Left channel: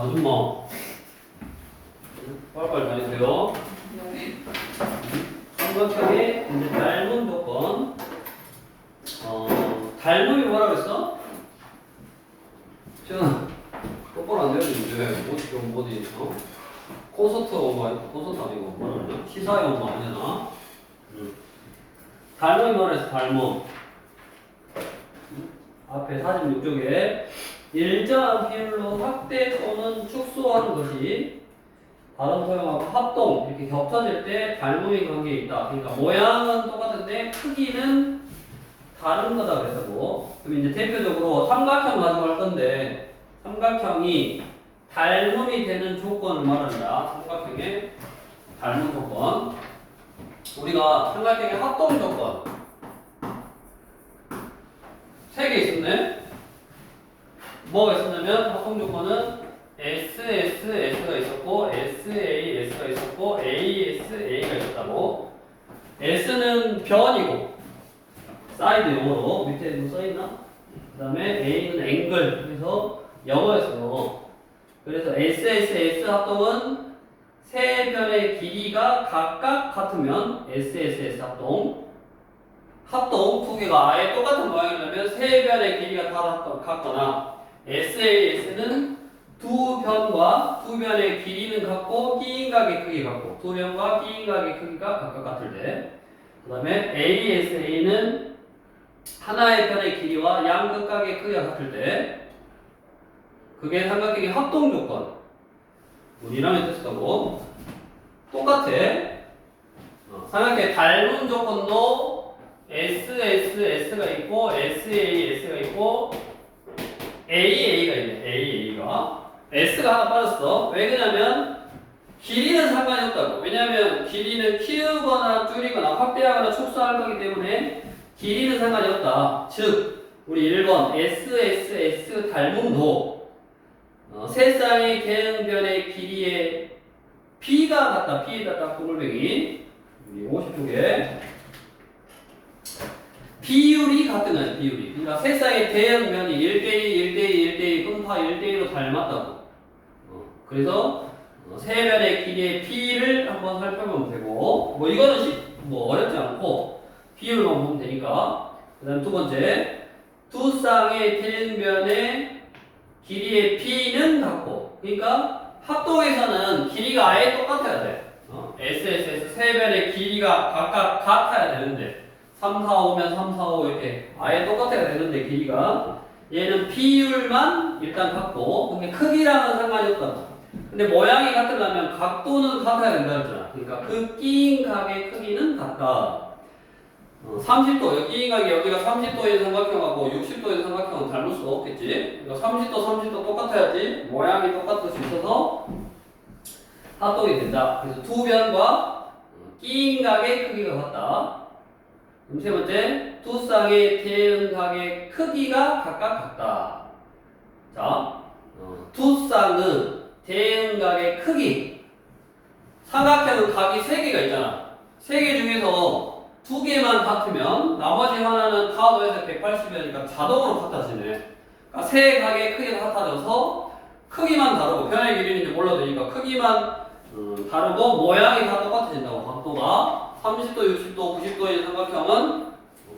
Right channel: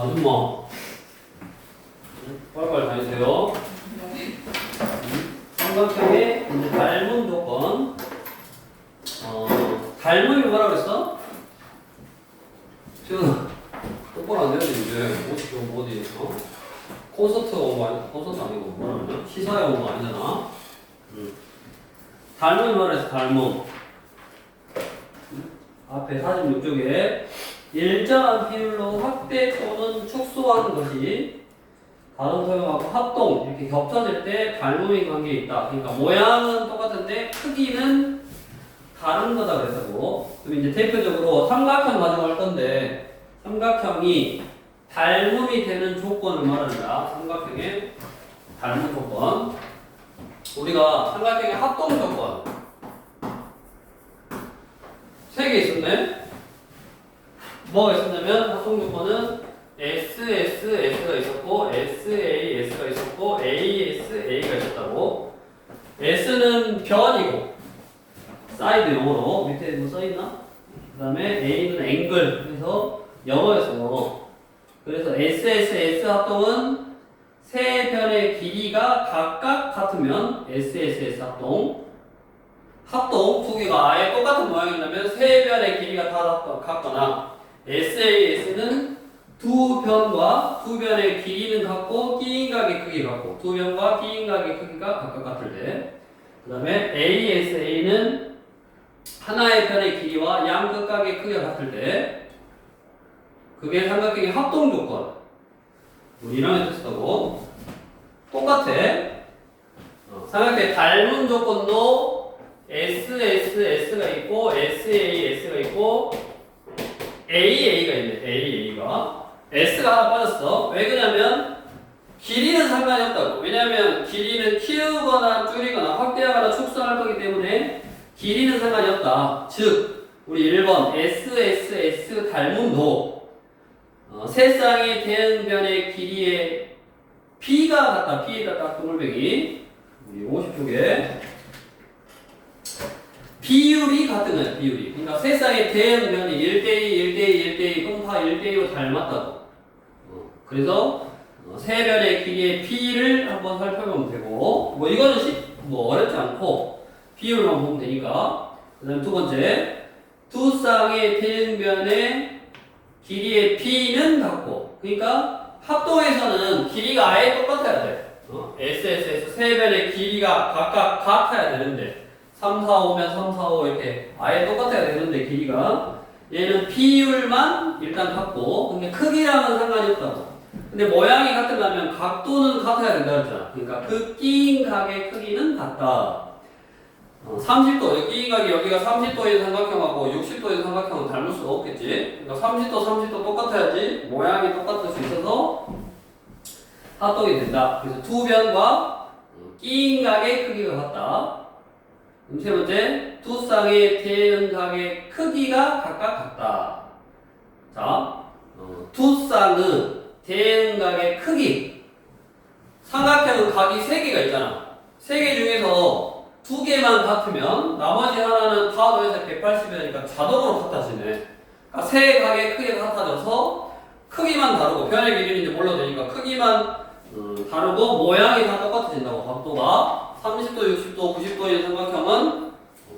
아줌마 빨리빨리 다니세요. 삼각형의 이제 닮은 조건. 닮음이 뭐라고 했어? 지금 똑바로 안 되는데 이제 어디 콘서트 온 거 아니고 콘서트 아니고 뭐라 그러냐? 시사회 온 거 아니잖아. 닮음이 뭐라 했어? 닮음. 앞에 사진 이쪽에 일정한 비율로 확대 또는 축소하는 것이 다른 소형하고 합동 이렇게 겹쳐질 때 닮음의 관계에 있다. 그러니까 모양은 똑같은데 크기는 다른 거다 그래서 그럼 이제 대표적으로 삼각형 가지고 할 건데 삼각형이 닮음이 되는 조건을 말한다. 삼각형의 닮음 조건. 우리가 삼각형의 합동 조건 3개 있었네. 뭐가 있었냐면 합동 조건은 SSS가 있었고 SAS가 있었고 ASA가 있었다고. S는 변이고 사이드 용어로 밑에 뭐 써있나? 그 다음에 A는 앵글. 그래서 영어였어요. 그래서 SSS 합동은 세 변의 길이가 각각 같으면 SSS 합동. 합동 두 개가 아예 똑같은 모양이라면 세 변의 길이가 다 같거나 SAS는 두 변과 두 변의 길이는 같고 끼인각의 크기 같고 두 변과 끼인각의 크기가 각각 같을 때. 그 다음에 ASA는 하나의 변의 길이와 양 극각의 크기가 같을 때 그게 삼각형의 합동 조건. 이랑의 뜻하고 똑같아. 삼각형의 닮은 조건도 SSS가 있고 SAS가 있고 AA가 있네. AA가 S가 하나 빠졌어. 왜 그러냐면 길이는 상관이 없다고. 왜냐하면 길이는 키우거나 줄이거나 확대하거나 축소할 거기 때문에 길이는 상관이 없다. 즉 우리 1번 SSS 닮음도 세 쌍의 대응변의 길이의 B가 같다. B에다 딱 구물배기 우리 50쪽에 비율이 같은 거예요. 비율이. 그러니까 세 쌍의 대응변이 1대2, 1대2, 1대2 그럼 다 1대2로 닮았다고. 그래서 세 변의 길이의 P를 한번 살펴보면 되고 뭐 이거는 뭐 어렵지 않고 비율만 보면 되니까. 그 다음 두 번째 두 쌍의 대응변의 길이의 P는 같고 그러니까 합동에서는 길이가 아예 똑같아야 돼. SSS 세 변의 길이가 각각 같아야 되는데 3, 4, 5면 3, 4, 5 이렇게 아예 똑같아야 되는데 길이가 얘는 비율만 일단 같고 근데 크기랑은 상관이 없다고. 근데 모양이 같으려면 각도는 같아야 된다 했잖아. 그러니까 그 끼인 각의 크기는 같다. 30도, 끼인 각이 여기가 30도인 삼각형하고 60도인 삼각형은 닮을 수 없겠지. 그러니까 30도, 30도 똑같아야지 모양이 똑같을 수 있어서 합동이 된다. 그래서 두 변과 끼인 각의 크기가 같다. 세 번째, 두 쌍의 대응각의 크기가 각각 같다. 자, 두 쌍은 대응각의 크기. 삼각형은 각이 3개가 있잖아. 3개 중에서 2개만 같으면 나머지 하나는 다 더해서 180이니까 자동으로 같아지네. 그러니까 세 각의 크기가 같아져서 크기만 다르고 변의 길이인지 몰라도 되니까 크기만 다르고 모양이 다 똑같아진다고. 각도가 30도, 60도, 90도의 삼각형은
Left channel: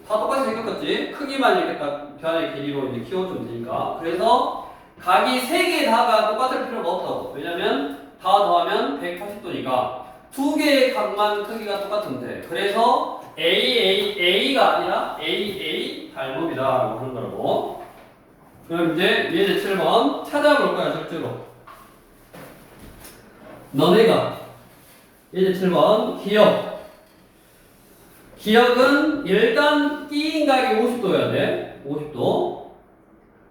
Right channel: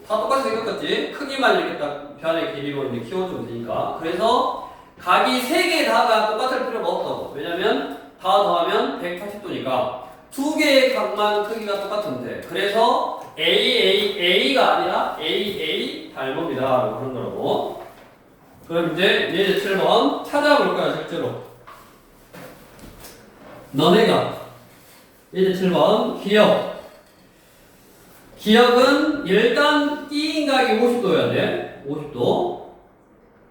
다 똑같이 생겼겠지. 크기만 이렇게 딱 변의 길이로 이제 키워주면 되니까. 그래서 각이 3개 다가 똑같을 필요가 없다고. 왜냐면 다 더하면 180도니까 2개의 각만 크기가 똑같으면 돼. 그래서 A가 아니라 AA 닮음이다 라고 하는 거라고. 그럼 이제 예제 7번 찾아볼 거야 실제로. 너네가 예제 7번 기억. 기억은 일단 끼인각이 50도여야 돼. 50도.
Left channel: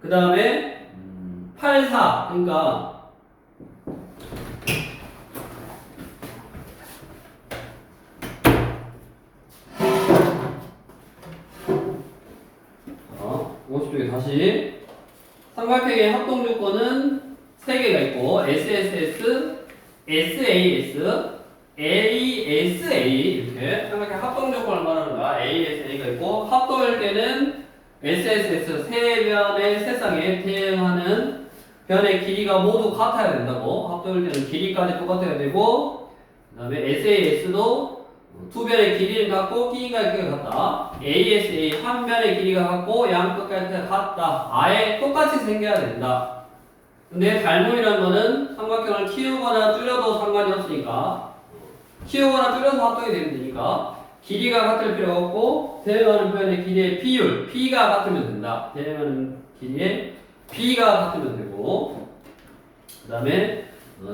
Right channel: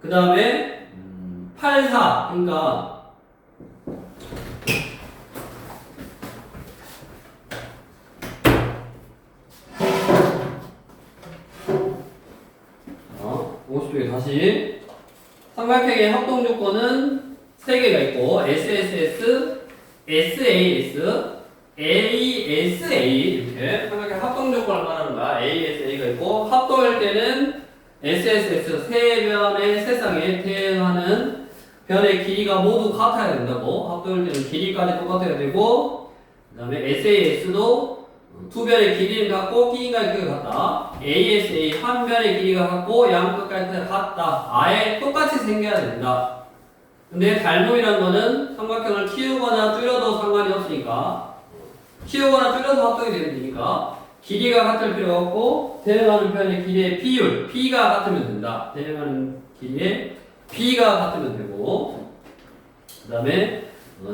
그 다음에 8, 4. 그러니까 50도에 다시 삼각형의 합동 조건은 3개가 있고 SSS, SAS, ASA 이렇게 삼각형 합동 조건을 말하는 거야. ASA가 있고 합동일 때는 SSS 세 변의 세 쌍에 대응하는 변의 길이가 모두 같아야 된다고. 합동일대는 길이까지 똑같아야 되고, 그 다음에 SAS도 두 변의 길이는 같고 끼인가의 크기가 같다. ASA 한 변의 길이가 같고 양 끝까지 같다. 아예 똑같이 생겨야 된다. 근데 닮음이란 거는 삼각형을 키우거나 줄여도 상관이 없으니까, 키우거나 줄여서 합동이 되면 되니까 길이가 같을 필요가 없고 대응하는 변의 길이의 비율 B가 같으면 된다. 대응하는 길이의 B가 같으면 되고, 그 다음에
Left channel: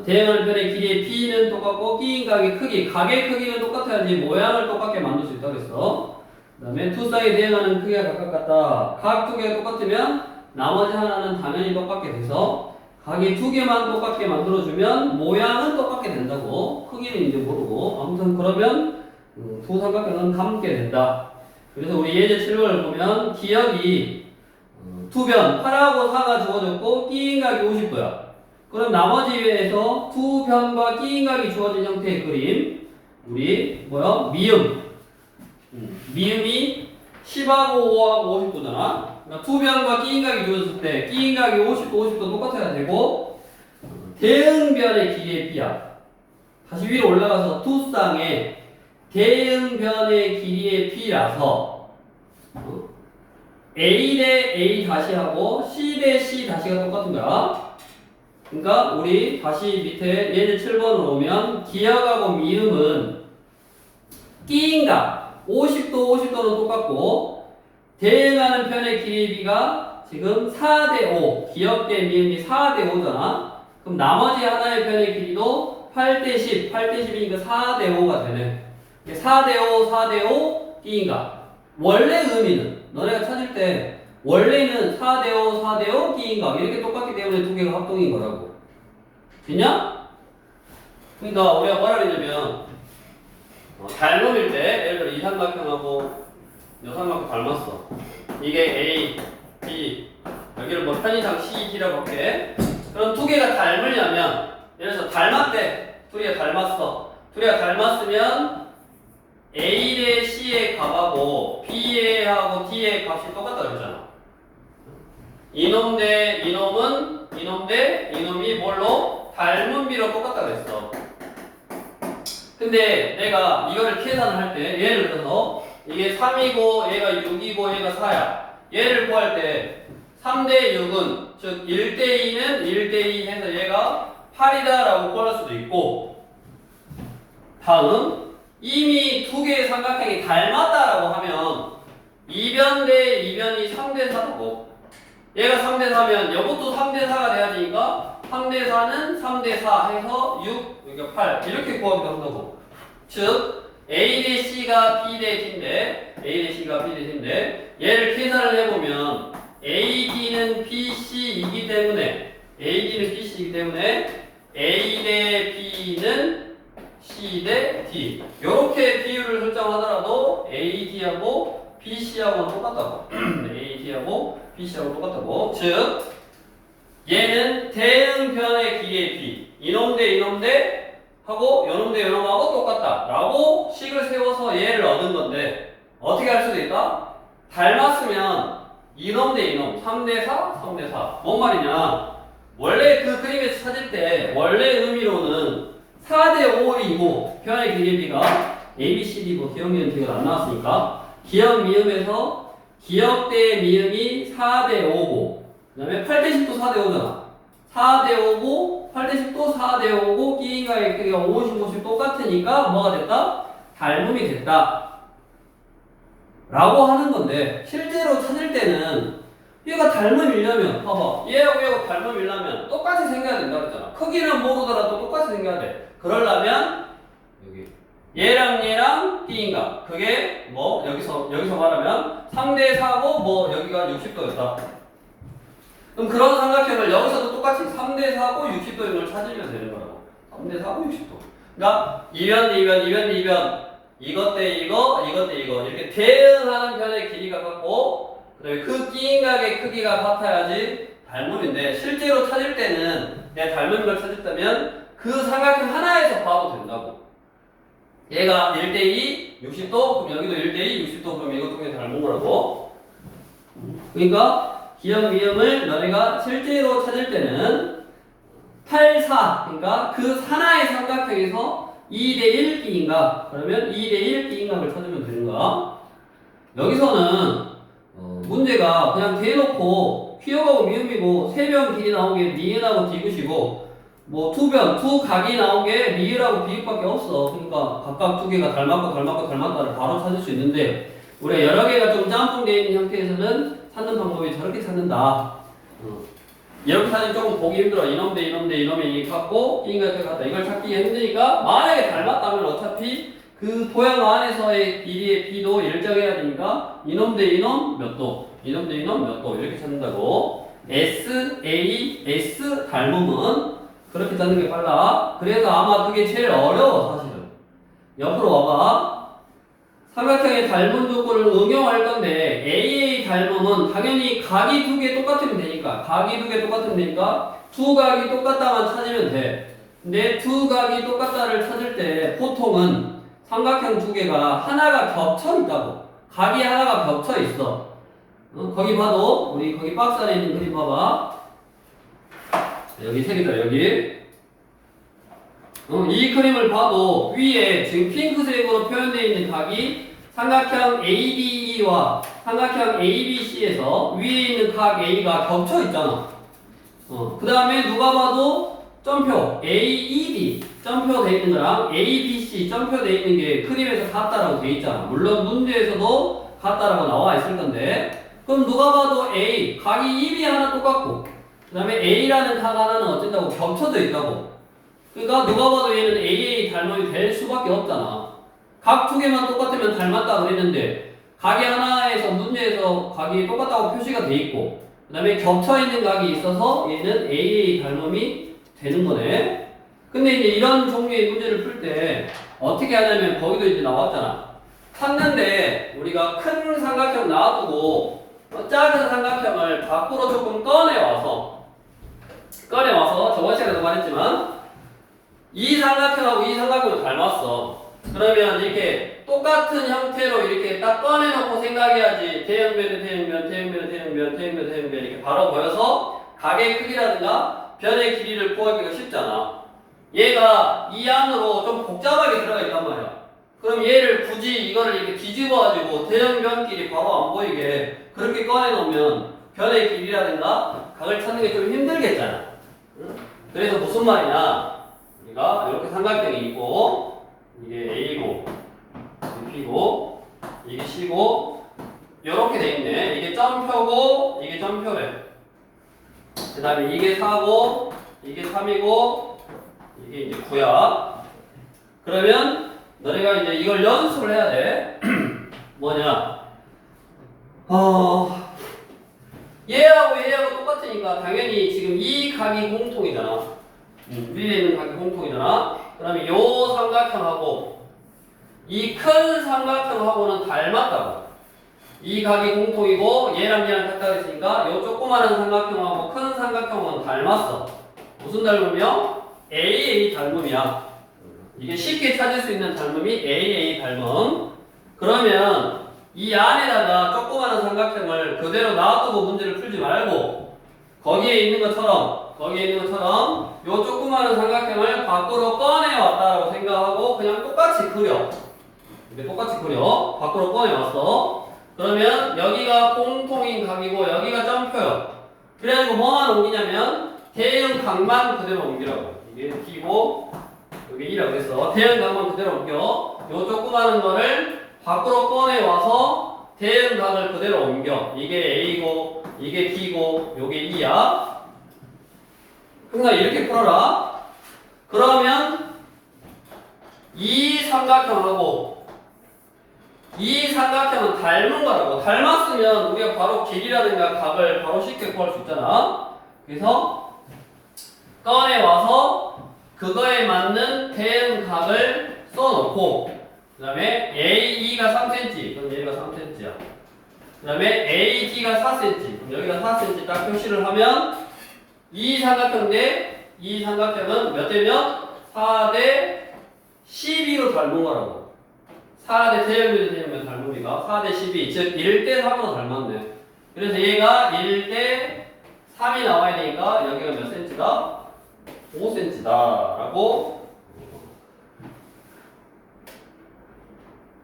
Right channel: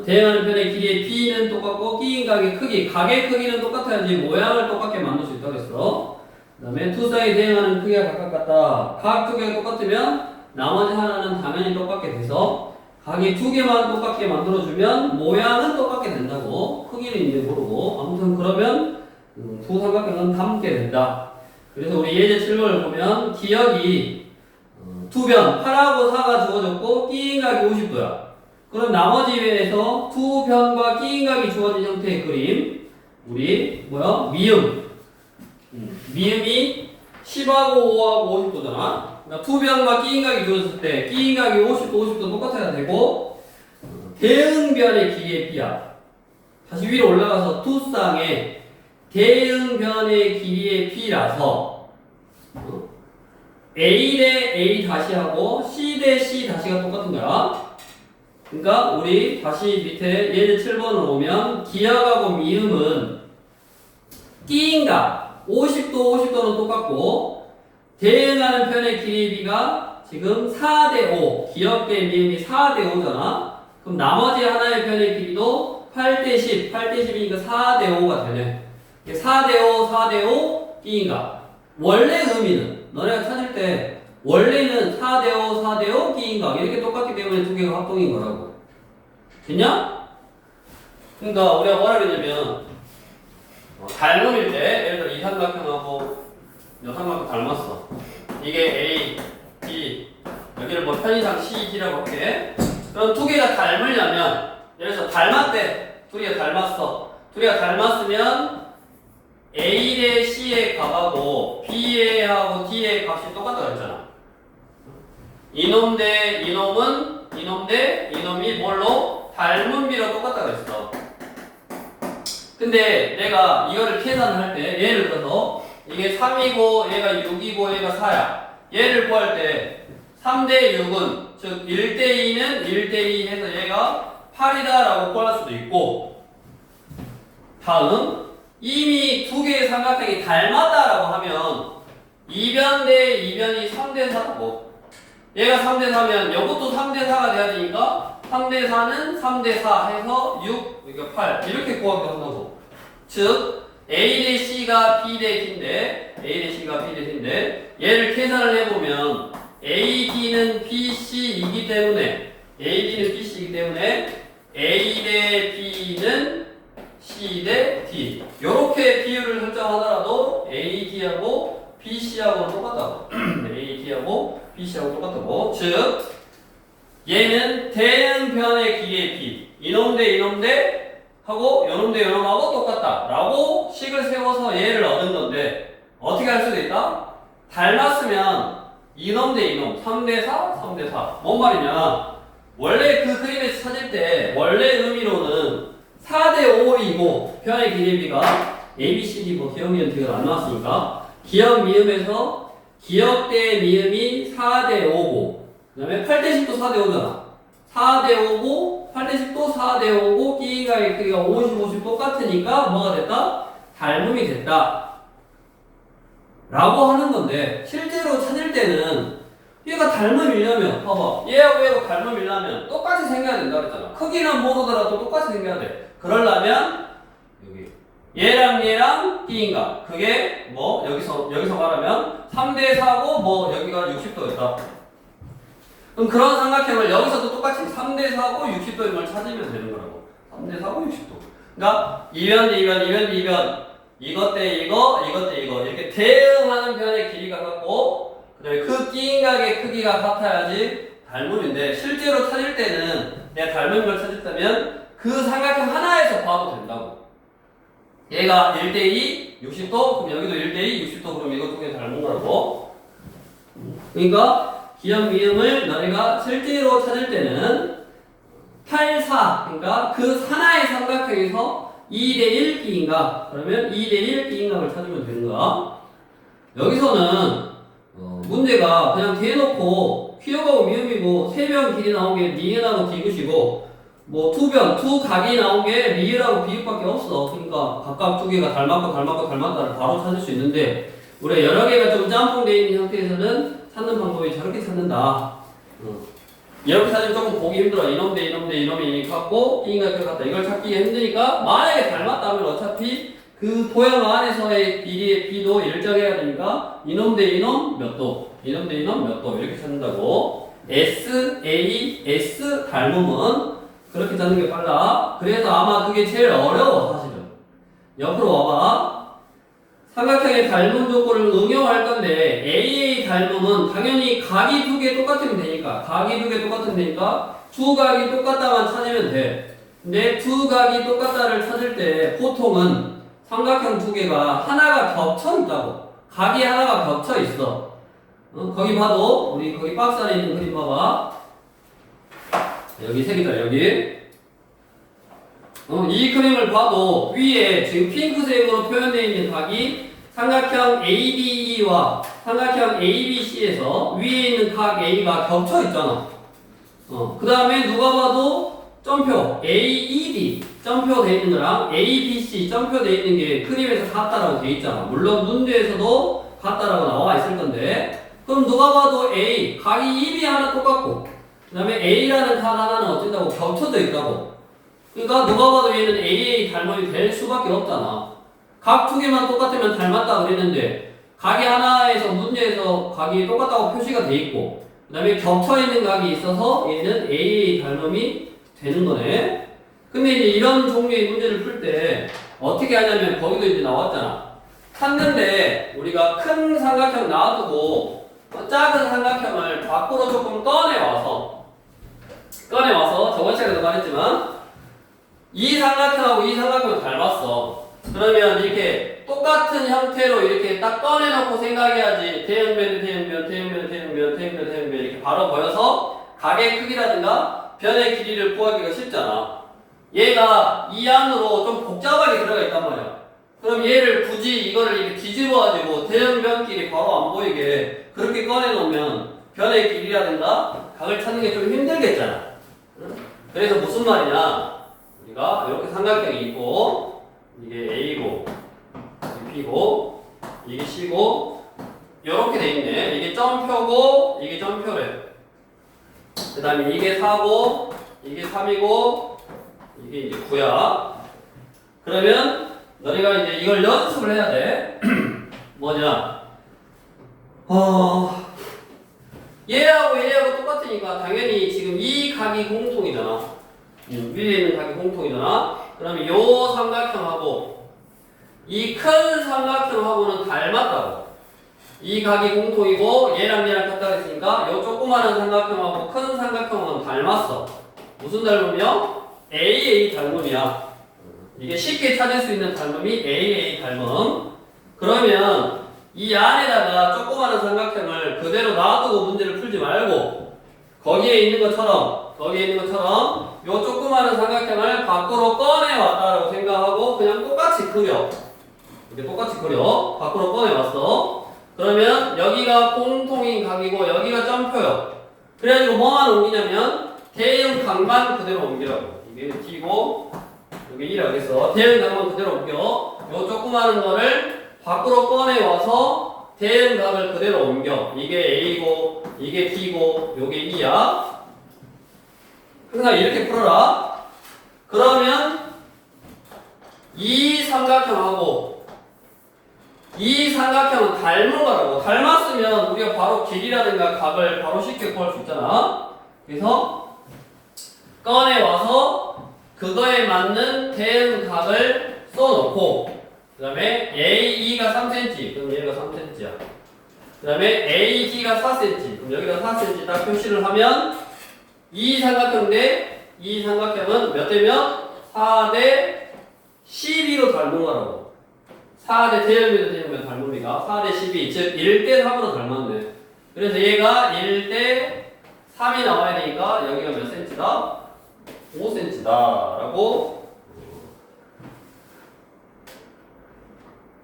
대응하는 편의 길이의 B는 똑같고 끼인 각의 크기, 각의 크기는 똑같아야지 모양을 똑같게 만들 수 있다고 했어. 그 다음에 두 쌍이 대응하는 크기가 각각 같다. 각 두 개가 똑같으면 나머지 하나는 당연히 똑같게 돼서 각이 두 개만 똑같게 만들어주면 모양은 똑같게 된다고. 크기는 이제 모르고. 아무튼 그러면 두 삼각형은 닮게 된다. 그래서 우리 예제 7번을 보면 기역이 두 변, 8하고 4가 주어졌고 끼인 각이 50도야. 그럼 나머지 위에서 두 변과 끼인각이 주어진 형태의 그림, 우리 미음, 미음이 10하고 5하고 50도잖아. 그러니까 두 변과 끼인각이 주어졌을 때 끼인각이 50도 50도 똑같아야 되고, 대응변의 길이의 B야. 다시 위로 올라가서 두 쌍의 대응변의 길이의 B라서 A 대 A 다시 하고 C 대 C 다시가 똑같은 거야. 그러니까 우리 다시 밑에 예제 7번으로 오면 기역하고 미음은 끼인각 50도 50도는 똑같고 대응하는 편의 길이 B가 지금 4대5 기역 대 미음이 4대5잖아. 그럼 나머지 하나의 편의 길이도 8대10 8대10이니까 4대5가 되네. 4대5 4대5 끼인각. 원래 의미는 너네가 찾을 때 원래는 4대5, 4대5, 끼인각 이렇게 똑같기 때문에 두 개가 합동인 거라고. 됐냐? 그러니까 우리가 뭐라 그러냐면 닮음일 때 예를 들어 이 삼각형하고 이 삼각형 닮았어. 이게 A, B 여기를 뭐 편의상 C, D라고 할게. 그럼 두 개가 닮으려면 예를 들어서 닮았대. 둘이가 닮았어. 둘이가 닮았으면 A 대 C의 값하고 B의 하고 D의 값이 똑같다 그랬잖아. 이놈 대 이놈은 이놈 대 이놈이 뭘로? 닮은 비로 똑같다 그랬어. 근데 내가 이거를 계산을 할 때 예를 들어서 이게 3이고 얘가 6이고 얘가 4야. 얘를 구할 때 3대 6은 즉 1대 2는 1대 2 해서 얘가 8이다 라고 구할 수도 있고, 다음 이미 두 개의 삼각형이 닮았다라고 하면 2변 대 2변이 3대 4라고. 얘가 3대 4면 이것도 3대 4가 돼야 되니까 3대 4는 3대 4 해서 6, 그러니까 8 이렇게 구하기도 한다고. 즉 A 대 C가 B 대 D인데 A 대 C가 B 대 D인데 얘를 계산을 해보면 AD는 BC이기 때문에 AD는 BC이기 때문에 A 대 B는 C 대 D 이렇게 비율을 설정하더라도 AD하고 BC하고는 똑같다고. AD하고 BC하고 똑같다고. 즉 얘는 대응변의 길이의 B 이놈 대 이놈 대 하고 요놈 대 요놈하고 똑같다 라고 식을 세워서 얘를 얻은 건데, 어떻게 할 수도 있다? 닮았으면 이놈 대 이놈 3대 4 3대 4 뭔 말이냐, 원래 그 그림에서 찾을 때 원래 의미로는 4대 5이고 변의 길이 B가 A, B, C, D 뭐 기억니은 뒤가 안 나왔으니까 기역 미음에서 기역 대 미음이 4대 5고 그 다음에 8대 10도 4대 5잖아. 4대 5고 8대 10도 4대 5고 끼인가의 크기가 50, 50 똑같으니까 뭐가 됐다? 닮음이 됐다 라고 하는 건데, 실제로 찾을 때는 얘가 닮음이려면 봐봐, 얘하고 얘가 닮음이려면 똑같이 생겨야 된다 그랬잖아. 크기는 모르더라도 똑같이 생겨야 돼. 그러려면 여기 얘랑 끼인가 그게 뭐 여기서 말하면 3대 4고 뭐 여기가 60도였다. 그럼 그런 삼각형을 여기서도 똑같이 3대 4고 60도인 걸 찾으면 되는 거라고. 3대 4고 60도. 그러니까 2변, 2변, 2변, 2변 이것 대 이거, 이것 대 이거 이렇게 대응하는 변의 길이가 같고 그 다음에 그 끼인각의 크기가 같아야지 닮음인데, 실제로 찾을 때는 내가 닮은 걸 찾았다면 그 삼각형 하나에서 봐도 된다고. 얘가 1대2 60도 그럼 여기도 1대2 60도 그럼 이것도 그냥 닮은 거라고. 그러니까 기역 미음을 너네가 실제로 찾을 때는 8, 4 그러니까 그 하나의 삼각형에서 2대1 끼인가 그러면 2대1 끼인각을 찾으면 되는 거야. 여기서는 문제가 그냥 대놓고 기역하고 미음이고 세 변 길이 나온 게 니은하고 디귿이고 뭐 두 각이 나온 게 리을하고 비읍밖에 없어. 그러니까 각각 두 개가 닮았다를 바로 찾을 수 있는데 우리가 여러 개가 좀 짬뽕되어 있는 형태에서는 찾는 방법이 저렇게 찾는다. 이렇게 찾으면 조금 보기 힘들어. 이놈이 같고 이인가 같다. 이걸 찾기가 힘드니까 만약에 닮았다면 어차피 그 도형 안에서의 길이의 b도 일정해야 되니까 이놈 대 이놈 몇 도, 이놈 대 이놈 몇 도 이렇게 찾는다고. S, A, S 닮음은 그렇게 찾는 게 빨라. 그래서 아마 그게 제일 어려워 사실은. 옆으로 와봐. 삼각형의 닮음 조건을 응용할 건데 AA 닮음은 당연히 각이 두 개 똑같으면 되니까 두 각이 똑같다만 찾으면 돼. 근데 두 각이 똑같다를 찾을 때 보통은 삼각형 두 개가 하나가 겹쳐 있다고. 각이 하나가 겹쳐 있어. 거기 봐도 우리 거기 박스 안에 있는 그림 봐봐. 여기 색이다 여기. 이 그림을 봐도 위에 지금 핑크색으로 표현되어 있는 각이 삼각형 ABE와 삼각형 ABC에서 위에 있는 각 A가 겹쳐 있잖아. 그 다음에 누가 봐도 점표 AEB 점표 돼 있는 거랑 ABC 점표 돼 있는 게 그림에서 같다라고 돼 있잖아. 물론 문제에서도 같다라고 나와 있을 건데 그럼 누가 봐도 A 각이 EB 하나 똑같고 그 다음에 A라는 각 하나는 어쩐다고 겹쳐져 있다고. 그러니까 누가 봐도 얘는 AA 닮음이 될 수밖에 없잖아. 각 두 개만 똑같으면 닮았다 그랬는데 각이 하나에서 문제에서 각이 똑같다고 표시가 돼 있고 그 다음에 겹쳐 있는 각이 있어서 얘는 AA 닮음이 되는 거네. 근데 이제 이런 종류의 문제를 풀 때 어떻게 하냐면 거기도 이제 나왔잖아. 찾는데 우리가 큰 삼각형 놔두고 작은 삼각형을 밖으로 조금 꺼내와서 저번 시간에도 말했지만 이 삼각형하고 이 삼각형을 닮았어. 그러면 이렇게 똑같은 형태로 이렇게 딱 꺼내놓고 생각해야지. 대형변 이렇게 바로 보여서 각의 크기라든가 변의 길이를 구하기가 쉽잖아. 얘가 이 안으로 좀 복잡하게 들어가 있단 말이야. 그럼 얘를 굳이 이거를 이렇게 뒤집어가지고 대형변끼리 바로 안 보이게 그렇게 꺼내놓으면 변의 길이라든가 각을 찾는 게 좀 힘들겠잖아. 그래서 무슨 말이냐? 우리가 이렇게 삼각형이 있고 이게 A고 이게 B고 이게 C고 이렇게 돼 있네. 이게 점표고 이게 점표래. 그 다음에 이게 4고 이게 3이고 이게 이제 9야. 그러면 너희가 이제 이걸 연습을 해야 돼. 뭐냐? 얘하고 똑같으니까 당연히 지금 이 각이 공통이잖아. 위에 있는 각이 공통이잖아. 그러면 요 삼각형하고 이 큰 삼각형하고는 닮았다고. 이 각이 공통이고 얘랑 같다 했으니까 요 조그마한 삼각형하고 큰 삼각형은 닮았어. 무슨 닮음이요? AA 닮음이야. 이게 쉽게 찾을 수 있는 닮음이 AA 닮음. 그러면 이 안에다가 조그마한 삼각형을 그대로 놔두고 문제를 풀지 말고 거기에 있는 것처럼 요 조그마한 삼각형을 밖으로 꺼내왔다라고 생각하고 그냥 똑같이 그려. 이렇게 똑같이 그려. 밖으로 꺼내왔어. 그러면 여기가 공통인 각이고 여기가 점표요. 그래가지고 뭐만 옮기냐면 대형 각만 그대로 옮기라고. 이게 T고 여기 E라고 했어. 대형 각만 그대로 옮겨. 요 조그마한 거를 밖으로 꺼내와서 대형 각을 그대로 옮겨. 이게 A고 이게 T고 요게 E야. 항상 이렇게 풀어라. 그러면 이 삼각형하고 이 삼각형은 닮은 거라고. 닮았으면 우리가 바로 길이라든가 각을 바로 쉽게 구할 수 있잖아. 그래서 꺼내와서 그거에 맞는 대응 각을 써놓고 그 다음에 AE가 3cm 그럼 얘가 3cm야. 그 다음에 AD가 4cm 그럼 여기다 4cm 딱 표시를 하면 이 삼각형 대 이 삼각형은 몇 대면? 4대 12로 닮은 거라고. 4대 대형면 닮음이가 4대 12 즉 1대 3으로 닮았네. 그래서 얘가 1대 3이 나와야 되니까 여기가 몇 cm다? 5cm다 라고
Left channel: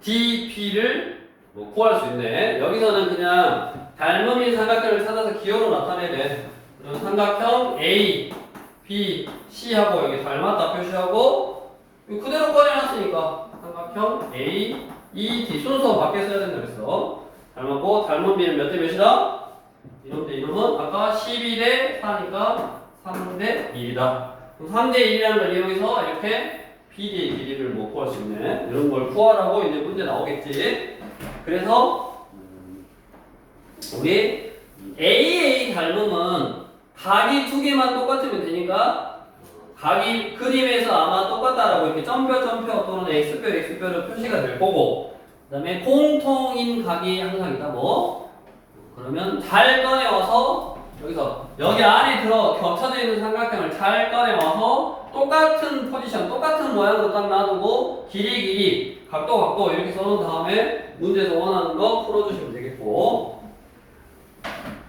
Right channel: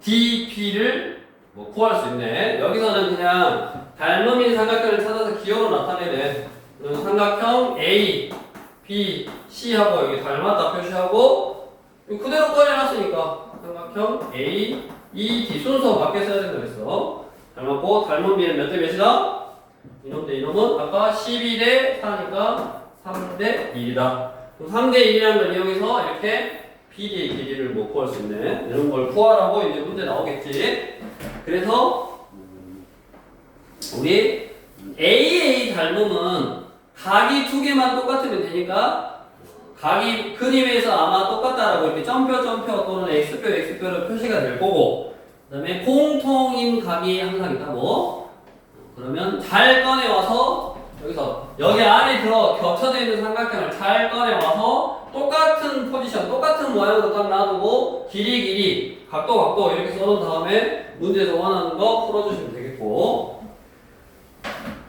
DP를 뭐 구할 수 있네. 여기서는 그냥 닮음인 삼각형을 찾아서 기호로 나타내야 돼. 그럼 삼각형 A, B, C하고 여기 닮았다 표시하고 그대로 꺼내놨으니까 삼각형 A, E, D 순서 밖에 써야 된다 그랬어. 닮았고 닮은 B는 몇 대 몇이다? 이놈 대 이놈은 아까 12대 4니까 3대 1이다. 그럼 3대 1이라는 걸 이용해서 이렇게 BD의 길이를 뭐 구할 수 있네. 이런 걸 구하라고 이제 문제 나오겠지. 그래서 우리 AA 닮음은 각이 두 개만 똑같으면 되니까 각이 그림에서 아마 똑같다라고 이렇게 점표 또는 x표로 표시가 될 거고, 그 다음에 공통인 각이 항상 있다 뭐. 그러면 잘 꺼내와서 여기 안에 들어 겹쳐져 있는 삼각형을 잘 꺼내와서 똑같은 포지션, 똑같은 모양으로 딱 놔두고 길이, 각도 이렇게 써놓은 다음에 문제에서 원하는 거 풀어주시면 되겠고,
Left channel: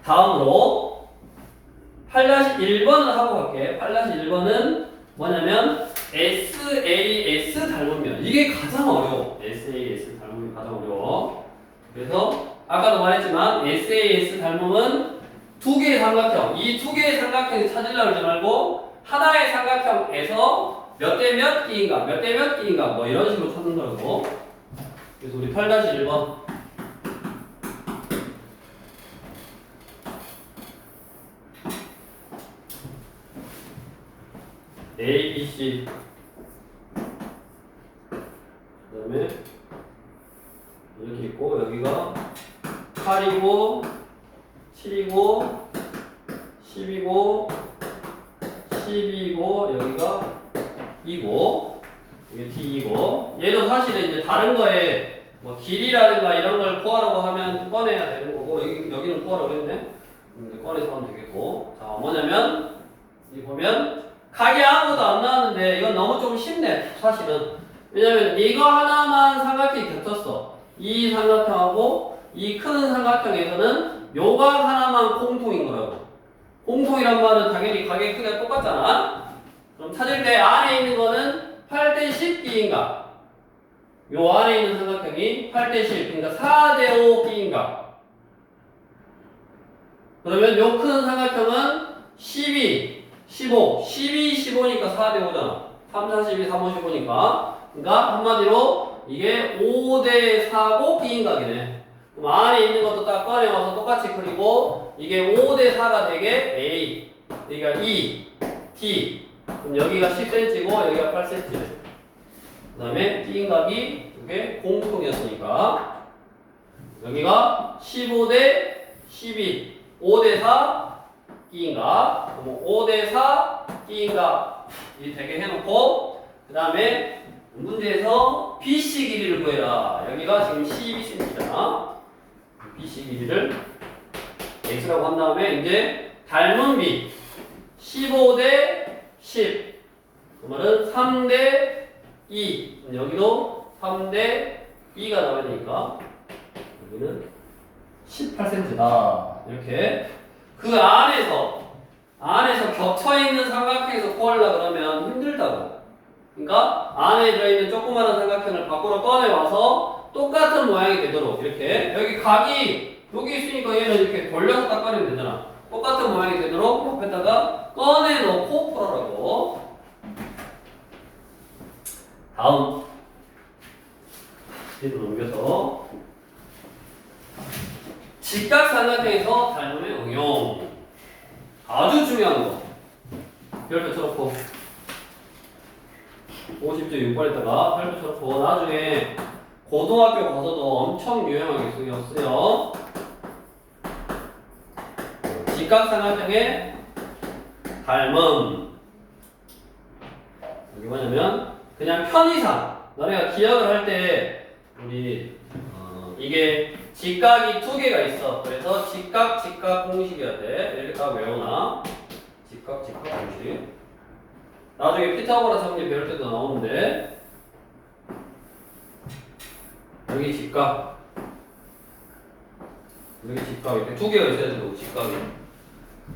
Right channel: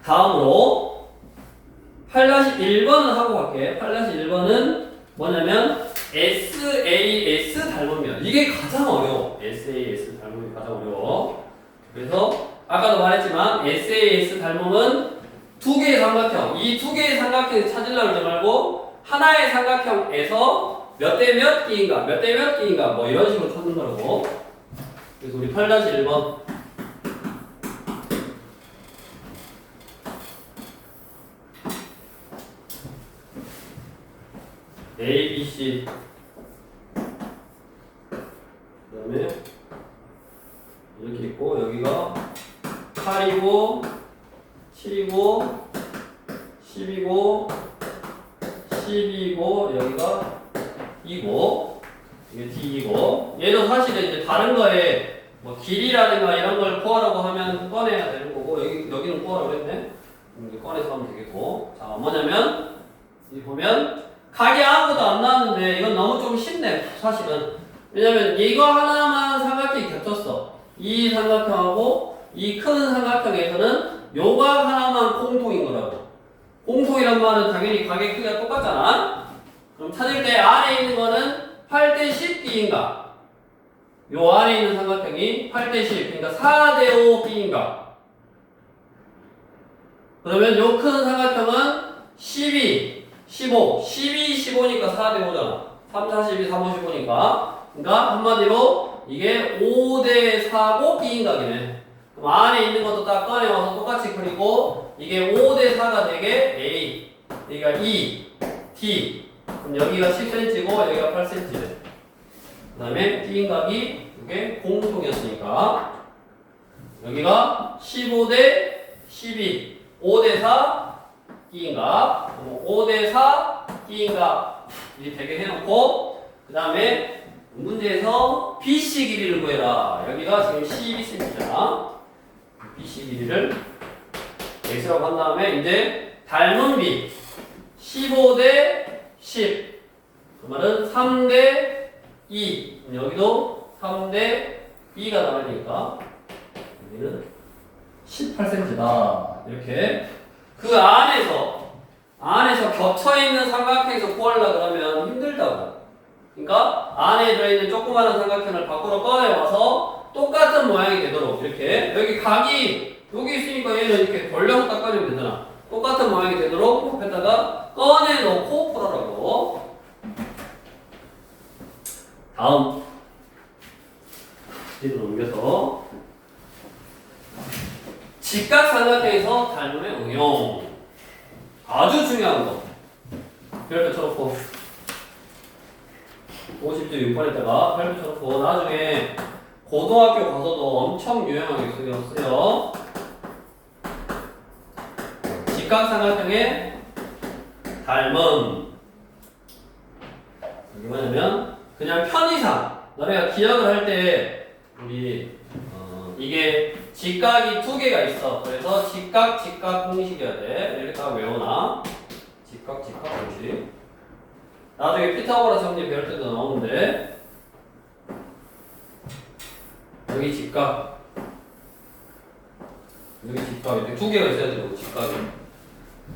다음으로 8-1번을 하고 갈게. 8-1번은 뭐냐면 SAS 닮으면 이게 가장 어려워. SAS 닮으면 가장 어려워. 그래서 아까도 말했지만 SAS 닮음은 두 개의 삼각형, 이 두 개의 삼각형을 찾으려고 하지 말고 하나의 삼각형에서 몇 대 몇 끼인가 뭐 이런 식으로 찾는 거라고. 그래서 우리 8-1번 A, B, C 그 다음에 이렇게 있고 여기가 8이고 7이고 10이고 12이고 여기가 2고 이게 D이고, 얘도 사실은 이제 다른 거에 뭐 길이라든가 이런 걸 구하라고 하면 꺼내야 되는 거고, 여기는 구하라고 그랬네. 이제 꺼내서 하면 되겠고. 자, 뭐냐면 이 보면 각이 아무것도 안 나왔는데 이건 너무 좀 쉽네 사실은. 왜냐면 이거 하나만 삼각형이 겹쳤어. 이 삼각형하고 이 큰 삼각형에서는 요 각 하나만 공통인 거라고. 공통이란 말은 당연히 각의 크기가 똑같잖아. 그럼 찾을 때 안에 있는 거는 8대10 끼인가? 요 안에 있는 삼각형이 8대10, 그러니까 4대5 끼인가? 그러면 요 큰 삼각형은 12, 15, 12, 15니까 4대5잖아. 3, 4, 12, 3, 5, 15니까. 그러니까 한마디로 이게 5대4고 끼인각이네. 그럼 안에 있는 것도 딱 꺼내와서 똑같이 그리고 이게 5대4가 되게 A, 여기가 E, D. 그럼 여기가 10cm고 여기가 8cm네. 그 다음에 끼인각이 이게 공통이었으니까 여기가 15대 12, 5대4 끼인각, 5대4 끼인각 이 되게 해놓고, 그 다음에 문제에서 BC 길이를 구해라. 여기가 지금 12cm잖아. BC 길이를 X라고 한 다음에 이제 닮은 B 15대 10. 그 말은 3대 2. 여기도 3대 2가 나와야 되니까 여기는 18cm다. 이렇게 그 안에서 겹쳐있는 삼각형에서 구하려고 그러면 힘들다고. 그러니까 안에 들어있는 조그마한 삼각형을 밖으로 꺼내와서 똑같은 모양이 되도록 이렇게 여기 각이 여기 있으니까 얘는 이렇게 벌려서 딱 꺼내면 되잖아. 똑같은 모양이 되도록 옆에다가 꺼내놓고 풀어라고. 다음 뒤로 넘겨서 직각삼각형에서 닮음의 응용. 아주 중요한 거. 별표 쳐놓고 50점 6번에다가 별표 쳐놓고 나중에 고등학교 가서도 엄청 유용하게 쓰여. 직각삼각형의 닮음. 이게 뭐냐면 그냥 편의상 너네가 기억을 할 때 우리 이게 직각이 두 개가 있어. 그래서 직각 공식이어야 돼. 이렇게 딱 외워놔. 직각 공식. 나중에 피타고라스 정리 배울 때도 나오는데 여기 직각 여기 직각 이렇게 두 개가 있어야 돼요. 직각이.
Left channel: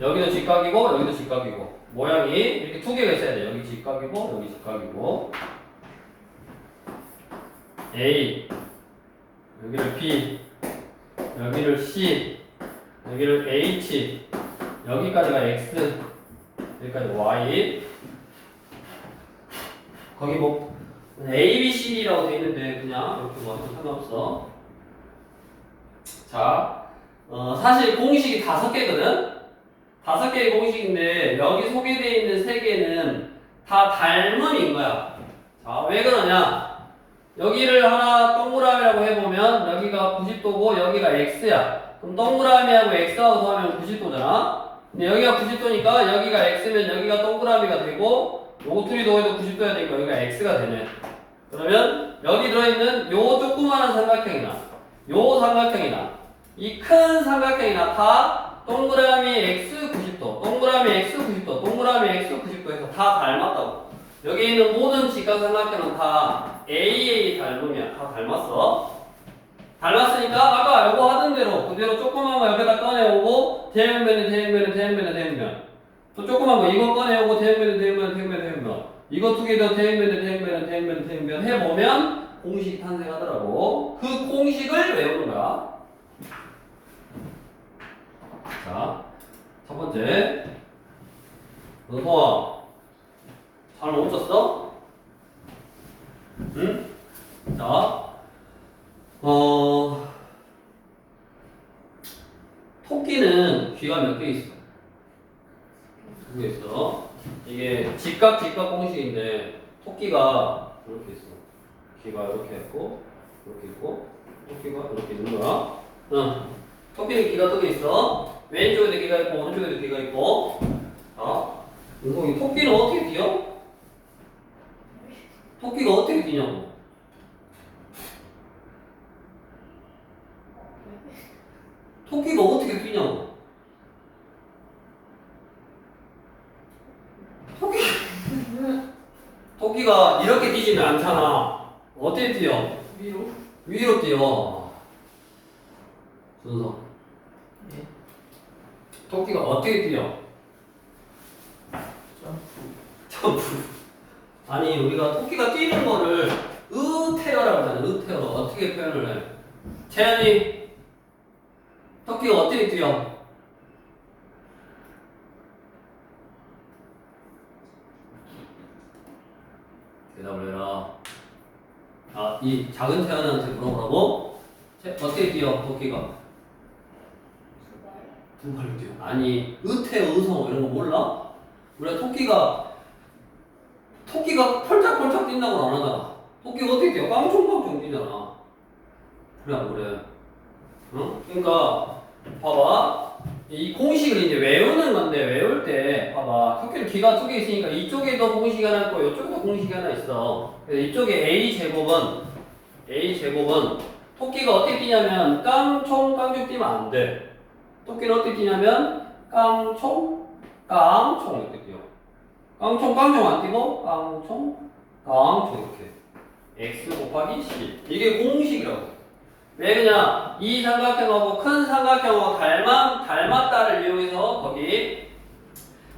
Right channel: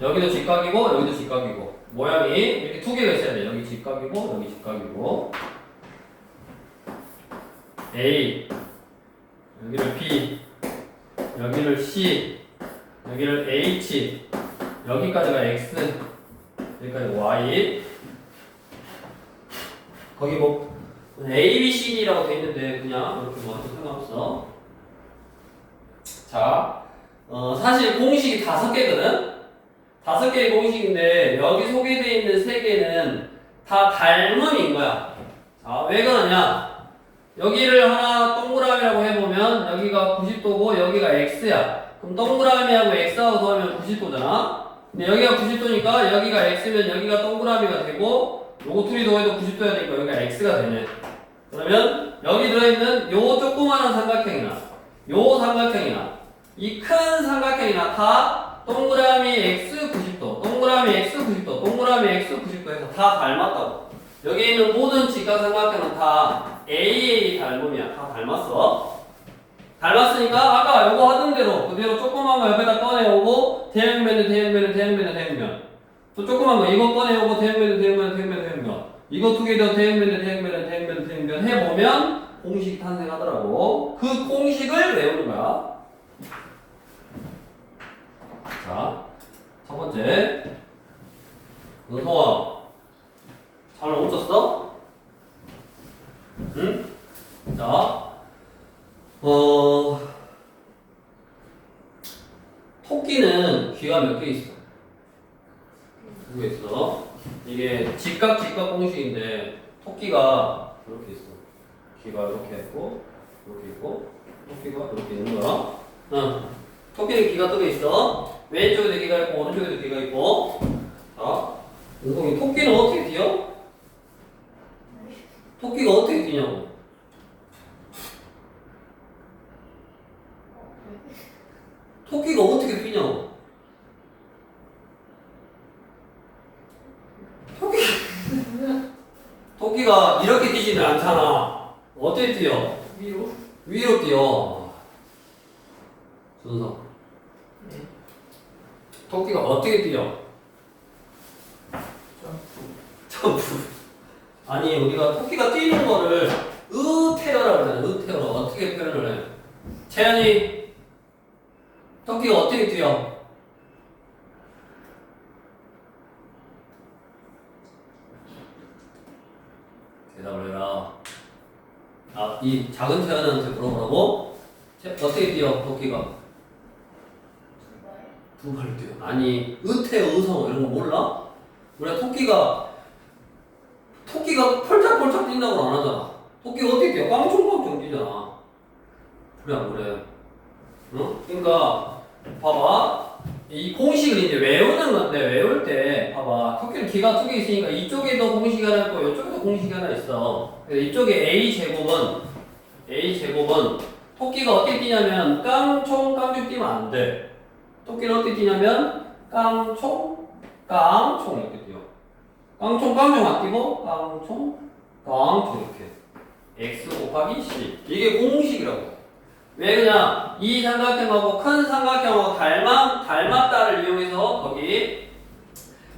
여기도 직각이고 여기도 직각이고 모양이 이렇게 두 개가 있어야 돼요. 여기 직각이고 여기 직각이고 A 여기를 B 여기를 C 여기를 H 여기까지가 X 여기까지 Y 거기 뭐 A, B, C, D라고 돼 있는데 그냥 이렇게 뭐 상관없어. 자, 사실 공식이 5개거든? 5개의 공식인데 여기 소개되어 있는 3개는 다 닮음인 거야. 자, 왜 그러냐? 여기를 하나 동그라미라고 해보면 여기가 90도고 여기가 X야. 그럼 동그라미하고 X하고 더하면 90도잖아? 근데 여기가 90도니까 여기가 X면 여기가 동그라미가 되고 요거 둘이 더해도 90도야 되니까 여기가 X가 되네. 그러면 여기 들어있는 요 조그마한 삼각형이나 요 삼각형이나 이 큰 삼각형이나 다 동그라미 X 90도, 동그라미 X 90도, 동그라미 X 90도 해서 다 닮았다고. 여기 있는 모든 직각 삼각형은 다 AA 닮음이야. 다 닮았어. 닮았으니까 아까 요거 하던 대로 그대로 조그만 거 옆에다 꺼내오고 대형면은 대형면은 대형면은 대형면 또 조그만 거 이거 꺼내오고 대형면은 대형면은 대형면은 대형면 이거 두 개 더 대형면은 대형면은 대형면은 대형면 해보면 공식이 탄생하더라고. 그 공식을 외우는 거야. 자, 첫 번째 은서아 잘 멈췄어? 응? 자, 토끼는 귀가 몇 개 있어? 2개 있어. 이게 직각 공식인데 토끼가 이렇게 있어. 귀가 이렇게 있고 이렇게 있고 토끼가 이렇게 있는 거야. 응. 토끼는 귀가 2개 있어. 왼쪽에도 귀가 있고 오른쪽에도 귀가 있고. 자, 은성이 토끼는 어떻게 뛰어? 토끼가 어떻게 뛰냐고. 토끼가 어떻게 뛰냐고. 토끼가 이렇게 뛰지는 않잖아. 어떻게 뛰어? 위로 뛰어. 순서. 토끼가 어떻게 뛰어? 점프. 아니 우리가 토끼가 뛰는 거를 으테러라고 하잖아. 으테러. 어떻게 표현을 해? 채연이 토끼가 어떻게 뛰어? 대답을 해라. 아, 이 작은 채연한테 물어보라고? 어떻게 뛰어 토끼가? 2발로 뛰어. 아니 으태 의성 이런 거 몰라? 우리가 토끼가 펄짝펄짝 뛴다고 안 하잖아. 토끼가 어떻게 뛰어? 깡총깡총 뛰잖아. 그래 안 그래? 응? 그러니까 봐봐. 이 공식을 이제 외우는 건데 외울 때 봐봐. 토끼는 귀가 2개 있으니까 이쪽에도 공식이 하나 있고 이쪽에도 공식이 하나 있어. 그래서 이쪽에 A 제곱은 토끼가 어떻게 뛰냐면 깡총 뛰면 안 돼. 토끼는 어떻게 뛰냐면 깡총 이렇게 뛰어. 깡총 안 뛰고 깡총 이렇게. X 곱하기 C. 이게 공식이라고 해. 왜 그냥 이 삼각형하고 큰 삼각형하고 닮았다를 이용해서 거기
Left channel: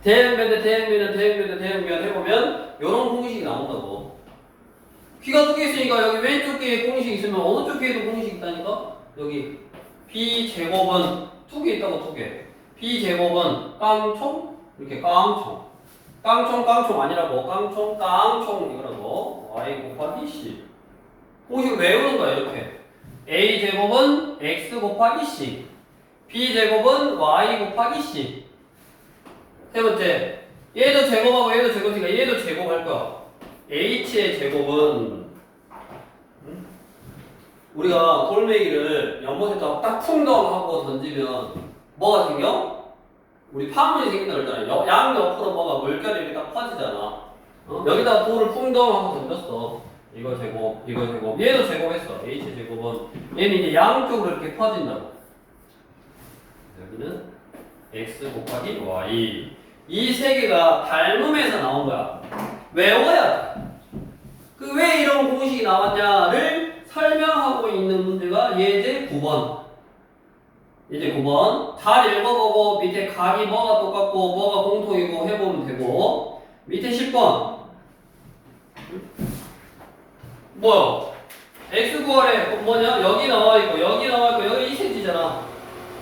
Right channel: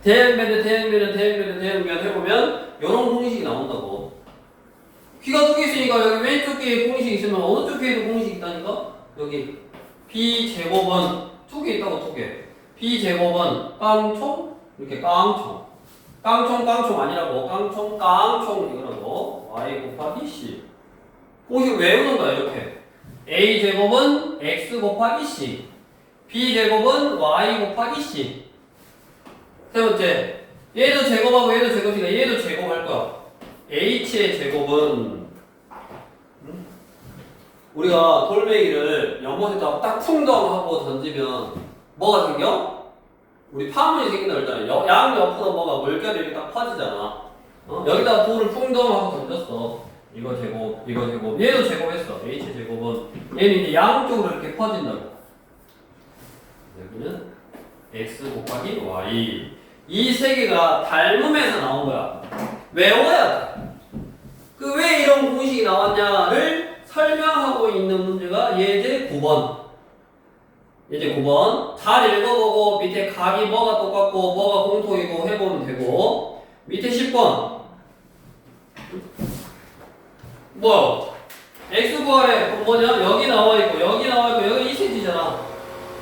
대형면 해보면 이런 공식이 나온다고. 귀가 2개 있으니까 여기 왼쪽 귀에 공식이 있으면 어느 쪽 귀에도 공식이 있다니까? 여기 B제곱은 2개 있다고 2개. B제곱은 깡총 이렇게 깡총 아니라고 깡총 이거라고. Y 곱하기 C. 공식 외우는 거야 이렇게. A제곱은 X 곱하기 C. B제곱은 Y 곱하기 C. 세 번째, 얘도 제곱하고 얘도 제곱이니까 얘도 제곱할 거야. H의 제곱은 우리가 돌멩이를 연못에다 딱 풍덩하고 던지면 뭐가 생겨? 우리 파문이 생긴다 그랬잖아. 양옆으로 뭐가 물결이 이렇게 딱 퍼지잖아. 여기다가 돌을 풍덩하고 던졌어. 이거 제곱, 얘도 제곱했어. H 제곱은 얘는 이제 양쪽으로 이렇게 퍼진다고. 여기는 X 곱하기 Y. 이 세 개가 닮음에서 나온 거야. 외워야 돼. 그 왜 이런 공식이 나왔냐를 설명하고 있는 문제가 예제 9번. 이제 9번. 잘 읽어보고 밑에 각이 뭐가 똑같고 뭐가 공통이고 해보면 되고. 밑에 10번. 뭐야? x 구하래. 그럼 뭐냐? 여기 나와있고 여기 나와있고 여기 2cm잖아.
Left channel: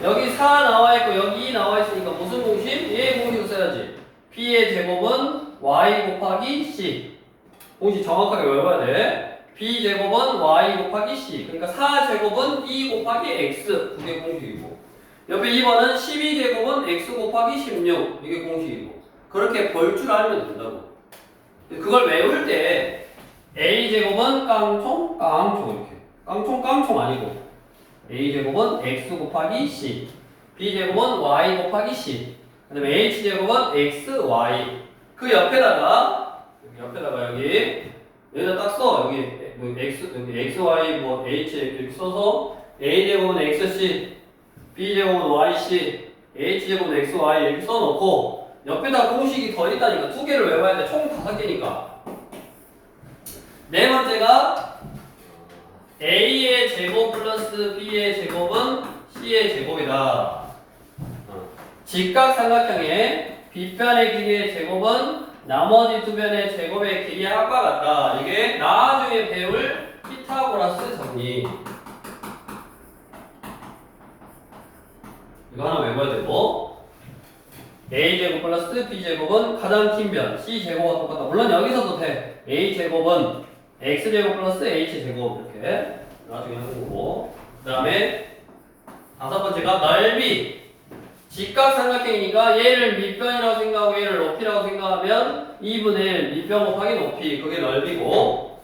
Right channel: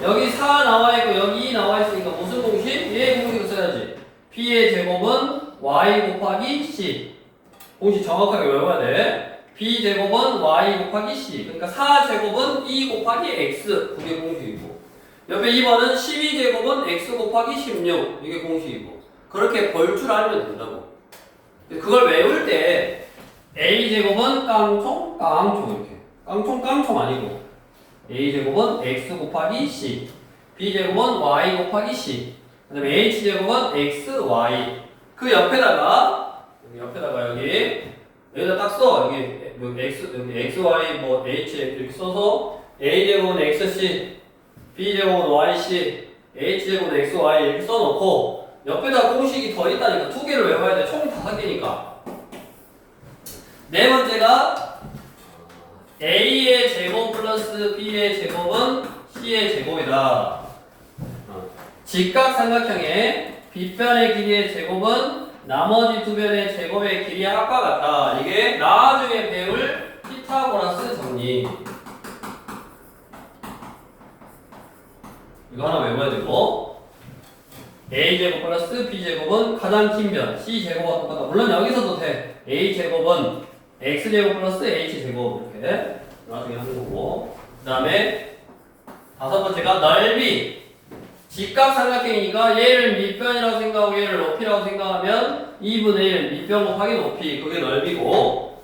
여기 4 나와있고 여기 2 나와있으니까 무슨 공식? 얘 공식을 써야지. b의 제곱은 y 곱하기 c. 공식 정확하게 외워야 돼. b 제곱은 y 곱하기 c. 그러니까 4 제곱은 2 곱하기 x. 그게 공식이고. 옆에 2번은 12제곱은 x 곱하기 16. 이게 공식이고. 그렇게 벌 줄 알면 된다고. 그걸 외울 때 a제곱은 깡총 이렇게. 깡총 아니고 a제곱은 x 곱하기 c. b제곱은 y 곱하기 c. 그 다음에 h제곱은 xy. 그 옆에다가 여기다 딱 써. 여기 xy h 이렇게 써서 a제곱은 xc, b제곱은 yc, h제곱은 xy 이렇게 써놓고 옆에다 공식이 더 있다니까. 두 개를 외워야 돼. 총 5개니까. 네 번째가 a의 제곱 플러스 b의 제곱은 c의 제곱이다. 직각삼각형의 빗변의 길이의 제곱은 나머지 두 변의 제곱의 길이의 합과 같다. 이게 나중에 배울 피타고라스 정리. 이거 하나 외워야 되고, a제곱 플러스 b제곱은 가장 긴 변 c제곱과 똑같다. 물론 여기서도 돼. a제곱은 x제곱 플러스 h제곱 이렇게 나중에 하는 거고. 그 다음에 다섯 번째가 넓이. 직각삼각형이니까 얘를 밑변이라고 생각하고 얘를 높이라고 생각하면 2분의 1 밑변 곱하기 높이. 그게 넓이고,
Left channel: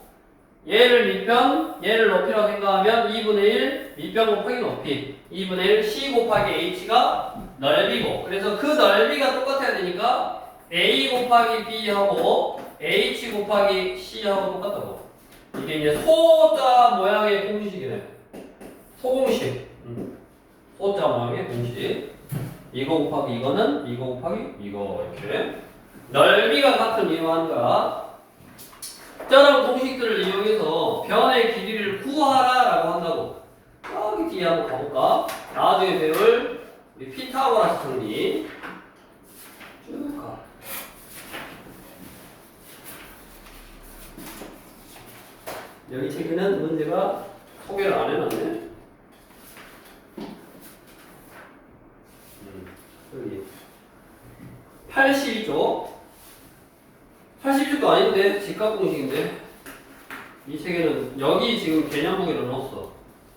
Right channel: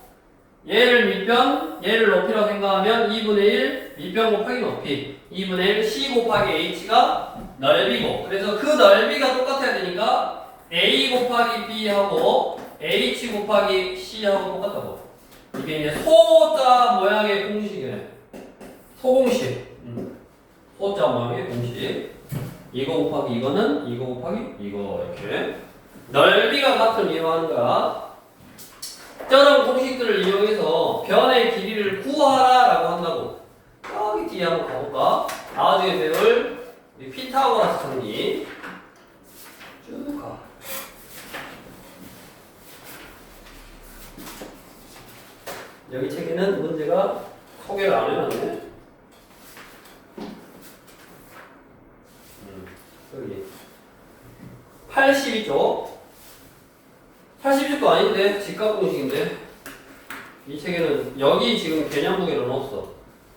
얘를 밑변, 얘를 높이라고 생각하면 2분의 1 밑변 곱하기 높이. 2분의 1 c 곱하기 h가 넓이고. 그래서 그 넓이가 똑같아야 되니까 a 곱하기 b하고 h 곱하기 c하고 똑같다고. 이게 이제 소자 모양의 공식이네. 소공식. 소자 모양의 공식. 이거 곱하기 이거는 이거 곱하기 이거 이렇게. 넓이가 같은 이유로 하는 거야. 저런 공식들을 이용해서 변의 길이를 구하라라고 한다고. 여기 뒤에 한번 가볼까? 나중에 배울 피타고라스 정리 쭉 가. 여기 책에는 문제가 소개를 안 해놨네. 여기 82쪽 82쪽도 아닌데 직각 공식인데 이 책에는 여기 지금 개념무기를 넣었어.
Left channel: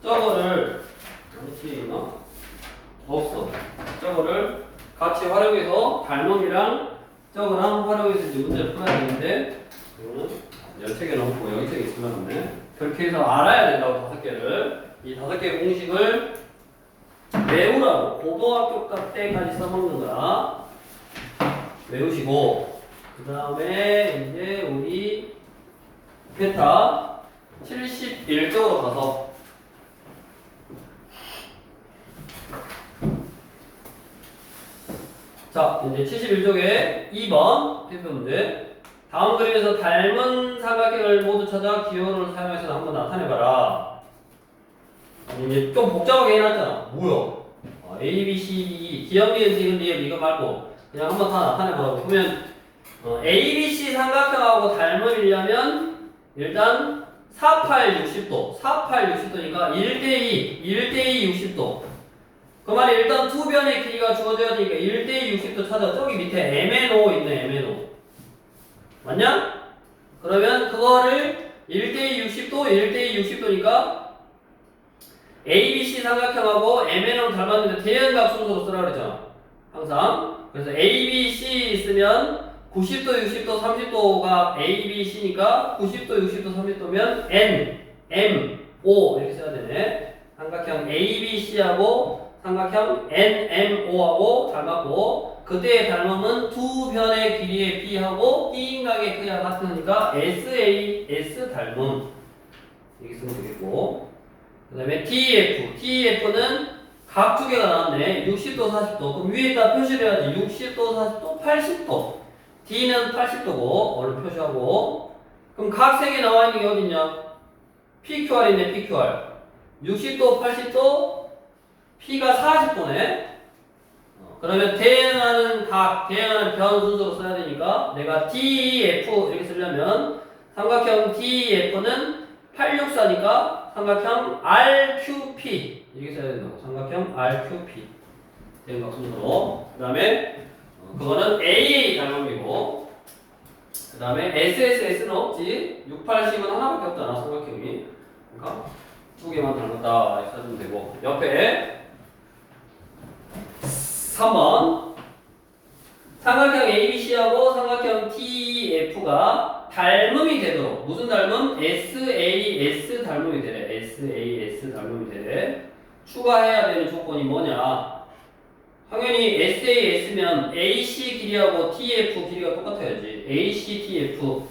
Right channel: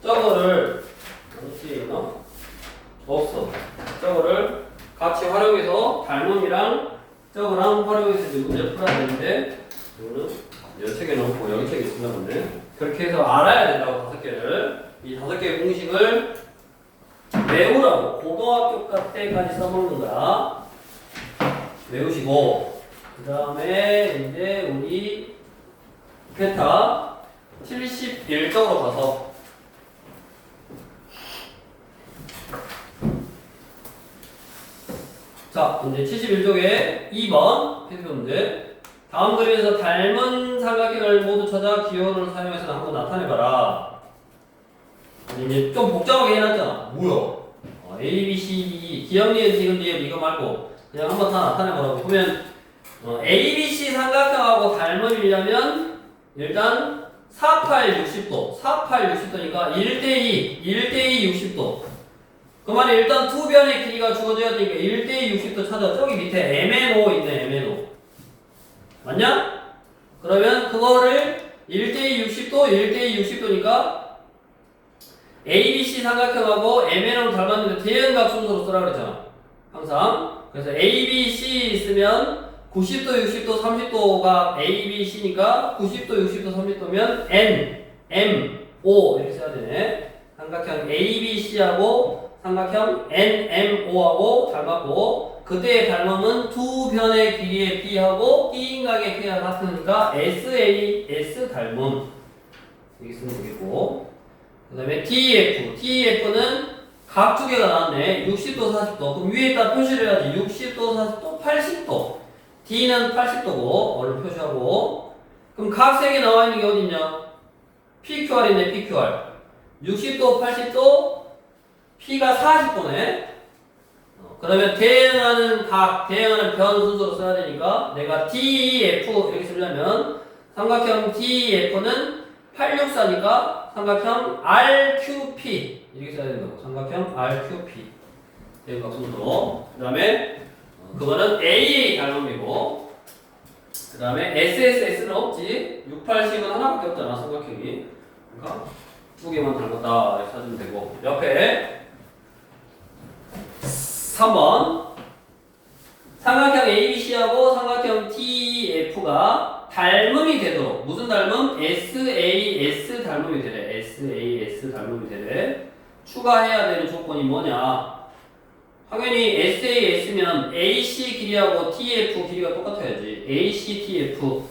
저거를 어디 넣었어. 저거를 같이 활용해서 닮음이랑 저거랑 활용해서 이제 문제를 풀어야 되는데 이거는 이 책에 넣고 여기 책에 있으려 보네. 그렇게 해서 알아야 된다고 5개를. 이 5개의 공식을 외우라고. 고등학교 때까지 써먹는다. 외우시고, 그 다음에 이제 우리 베타 71쪽으로 가서 자, 이제 71쪽에 2번 필수 문제. 다음 그림에서 닮은 삼각형을 모두 찾아 기호를 사용해서 한번 나타내봐라. 이제 좀 복잡하게 해놨잖아. 뭐야? A, B, C, D, E. 기억니은, 지금, 니은 이거 말고 그냥 한번 다 나타내보라고. 보면 A, B, C 삼각형하고 닮으려면 일단 48, 60도. 48, 60도니까 1대2, 1대2 60도. 그 말이 일단 두 변의 길이가 주어져야 되니까 1대2 60도 찾아. 저기 밑에 MNO 있네, MNO. 맞냐? 그러면 그거를 1대2 60도, 1대2 60도니까 ABC 삼각형하고 MN으로 닮았는데 대응각 순서로 쓰라 그랬잖아. 항상. 그래서 ABC 있으면 90도, 60도, 30도가 ABC니까 90도, 60도, 30도면 N, M, O 이렇게 써야 되네. 삼각형 ABC하고 삼각형 NMO하고 닮았고, 그때의 닮음은 두 변의 길이의 B하고 D인각의 K가 같으니까 SAS 닮음 이렇게 쓰면 되겠고, 그 다음에 TF는 각 두 개가 나왔네. 60도, 40도. 그럼 위에다 표시를 해야지. 60도, 40도, 80도. D는 80도고 얼른 표시하고. 그럼 각 세 개 나와 있는 게 어딨냐? PQR이네, PQR. 60도, 80도, P가 40도네. 그러면 대응하는 변 순서로 써야 되니까 내가 DEF 이렇게 쓰려면 삼각형 DEF는 864니까 삼각형 RQP 이렇게 써야 된다고. 삼각형 RQP 대응각 순서로. 그 다음에 그거는 AA 닮음이고, 그 다음에 SSS는 없지. 680은 하나밖에 없잖아 삼각형이. 그러니까 두 개만 닮았다 이렇게 써주면 되고, 옆에 3번 삼각형 ABC하고 삼각형 TEF가 닮음이 되도록, 무슨 닮음? SAS 닮음이 되래. SAS 닮음이 되래. 추가해야 되는 조건이 뭐냐? 당연히 SAS면 AC 길이하고 TF 길이가 똑같아야지. AC, TF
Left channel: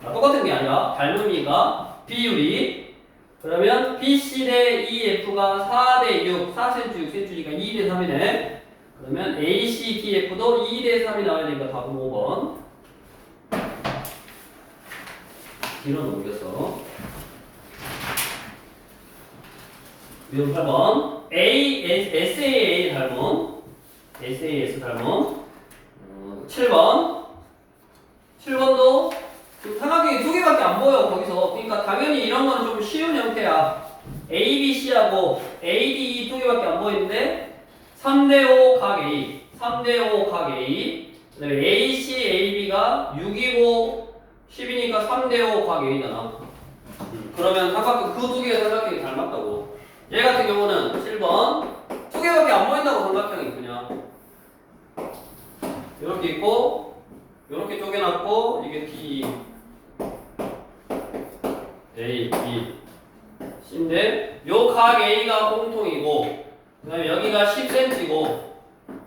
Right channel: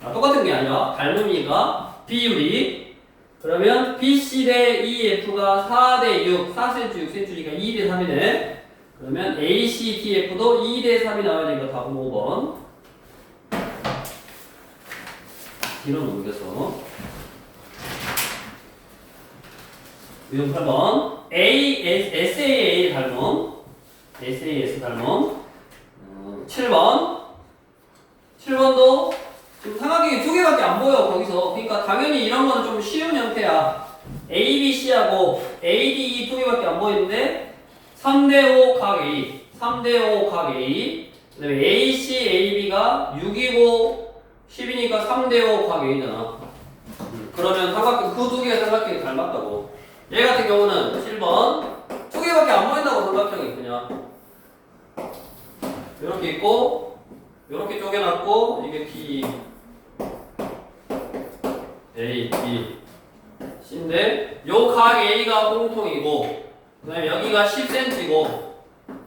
똑같은 게 아니라 닮음이니까 비율이. 그러면 BC 대 EF가 4대 6, 4cm, 6cm니까 2대 3이네. 그러면 AC, TF도 2대 3이 나와야 되니까 답은 5번. 뒤로 넘겨서. 이건 8번. SAA 닮음. SAS 닮음. 7번. 7번도 지금 삼각형이 두 개밖에 안 보여, 거기서. 그러니까 당연히 이런 거는 좀 쉬운 형태야. ABC하고 ADE 두 개밖에 안 보이는데 3대5 각 A, 3대5 각 A, 그 다음에 AC, AB가 6이고 10이니까 3대5 각 A잖아. 그러면 삼각형, 그 두 개의 삼각형이 닮았다고. 얘 같은 경우는 7번 두 개밖에 안 보인다고. 삼각형이 그냥 이렇게 있고 이렇게 쪼개놨고, 이게 D, A, B, C인데 요 각 A가 공통이고, 그 다음에 여기가 10cm고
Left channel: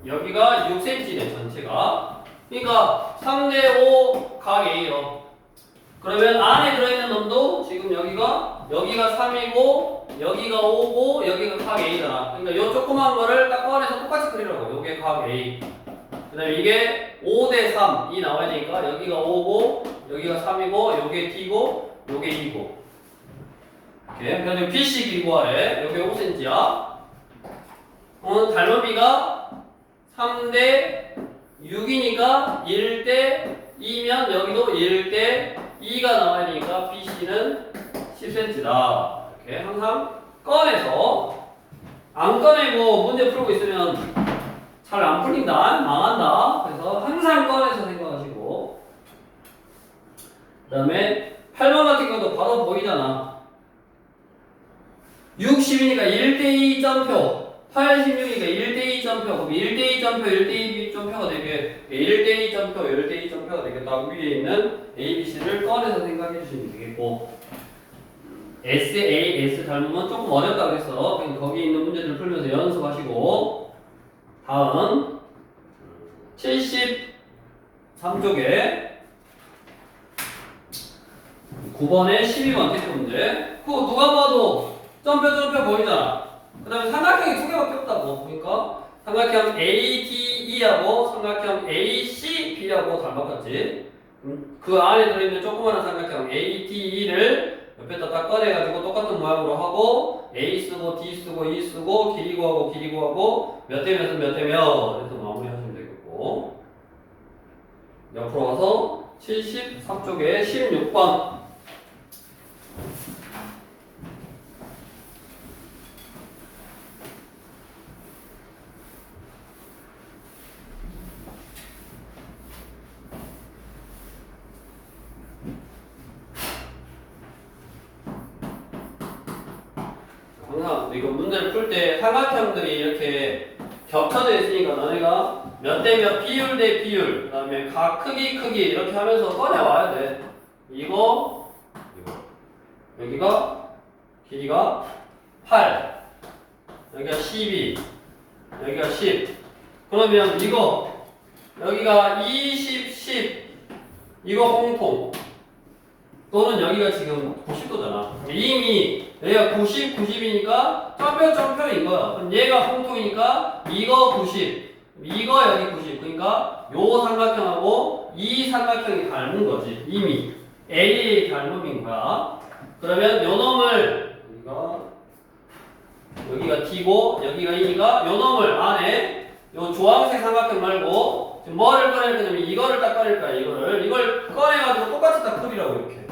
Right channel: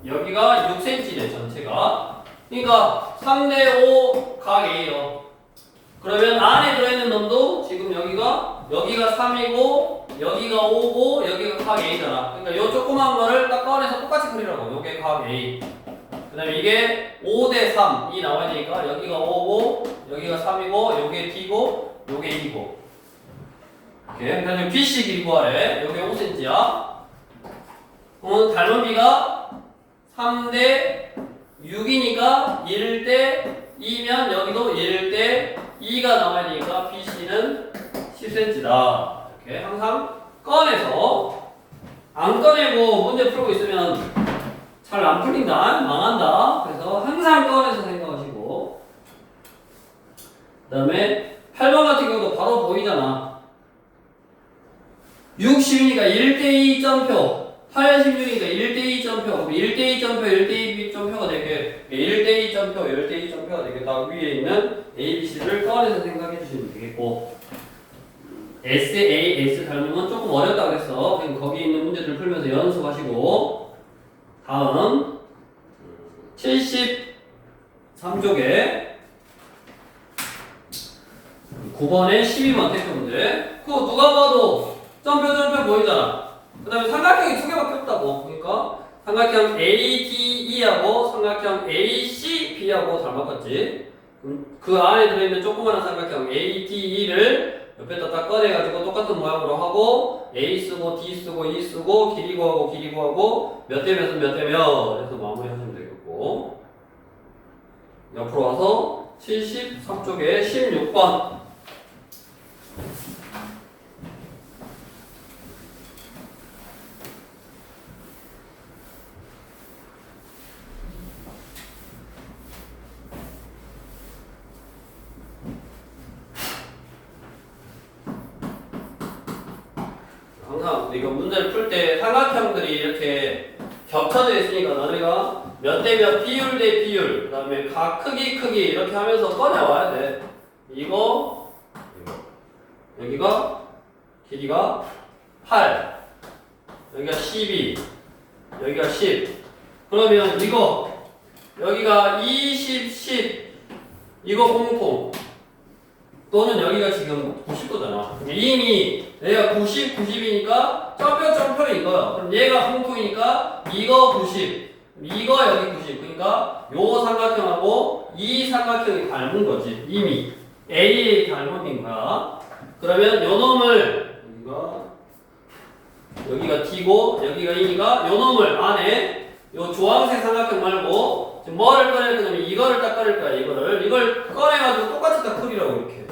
여기가 6cm네 전체가. 그러니까 3대5 각 A요. 그러면 안에 들어있는 놈도 지금 여기가 3이고 여기가 5고 여기가 각 A잖아. 그러니까 요 조그만 거를 딱 꺼내서 똑같이 그리라고. 요게 각 A. 그 다음에 이게 5대 3이 나와야 되니까 여기가 5고 여기가 3이고 요게 D고 요게 2고. 이렇게. 그 다음에 BC 길이 구하래. 요게 5cm야. 닮음비가 3대 6이니까 1대 2면 여기도 1대 2가 나와야 되니까 BC는 10cm다. 이렇게 항상 꺼내서, 안 꺼내고 문제 풀고 있으면 잘 안 풀린다, 망한다. 그래서 항상 꺼내서 생각하시고. 그 다음에 8번 같은 경우도 바로 보이잖아. 60이니까 1대2 점표, 86이니까 1대2 점표, 그럼 1대2 점표, 1대2 점표가 되게, 1대2 점표, 1대2 점표가 되게 딱 위에 있는 ABC를 꺼내서 생각해 주시면 되겠고, SAS 닮으면 조금 어렵다 그랬어. 그럼 거기 있는 문제들 풀면서 연습하시고. 다음 73쪽에 9번에 12번 테스트 문제. 그거 누가 봐도 점표 보이잖아. 그 다음에 삼각형이 두 개밖에 없다고. 그러니까 삼각형 ADE하고 삼각형 ACB하고 닮았겠지. 그 안에 들어있는 조그마한 삼각형 ADE를 옆에다 딱 꺼내가지고 똑같은 모양으로 하고 A 쓰고 D 쓰고 E 쓰고 길이 구하고 몇 대면서 몇 대면 해서 마무리 하시면 되겠고. 옆으로 가서 73쪽에 16번. 항상 이거 문제를 풀 때 삼각형들이 이렇게 겹쳐져 있으니까 너네가 몇 대 몇, 비율 대 비율, 그 다음에 각 크기 이렇게 하면서 꺼내와야 돼. 이거 여기가 길이가 8, 여기가 12, 여기가 10. 그러면 이거 여기가 20, 10 이거 공통, 또는 여기가 지금 90도잖아. 이미 얘가 90이니까 점표인 거야. 그럼 얘가 공통이니까 이거 90, 이거 여기 90. 그러니까 요 삼각형하고 이 삼각형이 닮은 거지. 이미 AA 닮음인 거야. 그러면 요 놈을 우리가 여기가 T고 여기가 E니까 요 놈을 안에 요 주황색 삼각형 말고 지금 뭐를 꺼낼 거냐면 이거를 딱 꺼낼 거야. 이걸 꺼내가지고 똑같이 딱 그리라고 이렇게.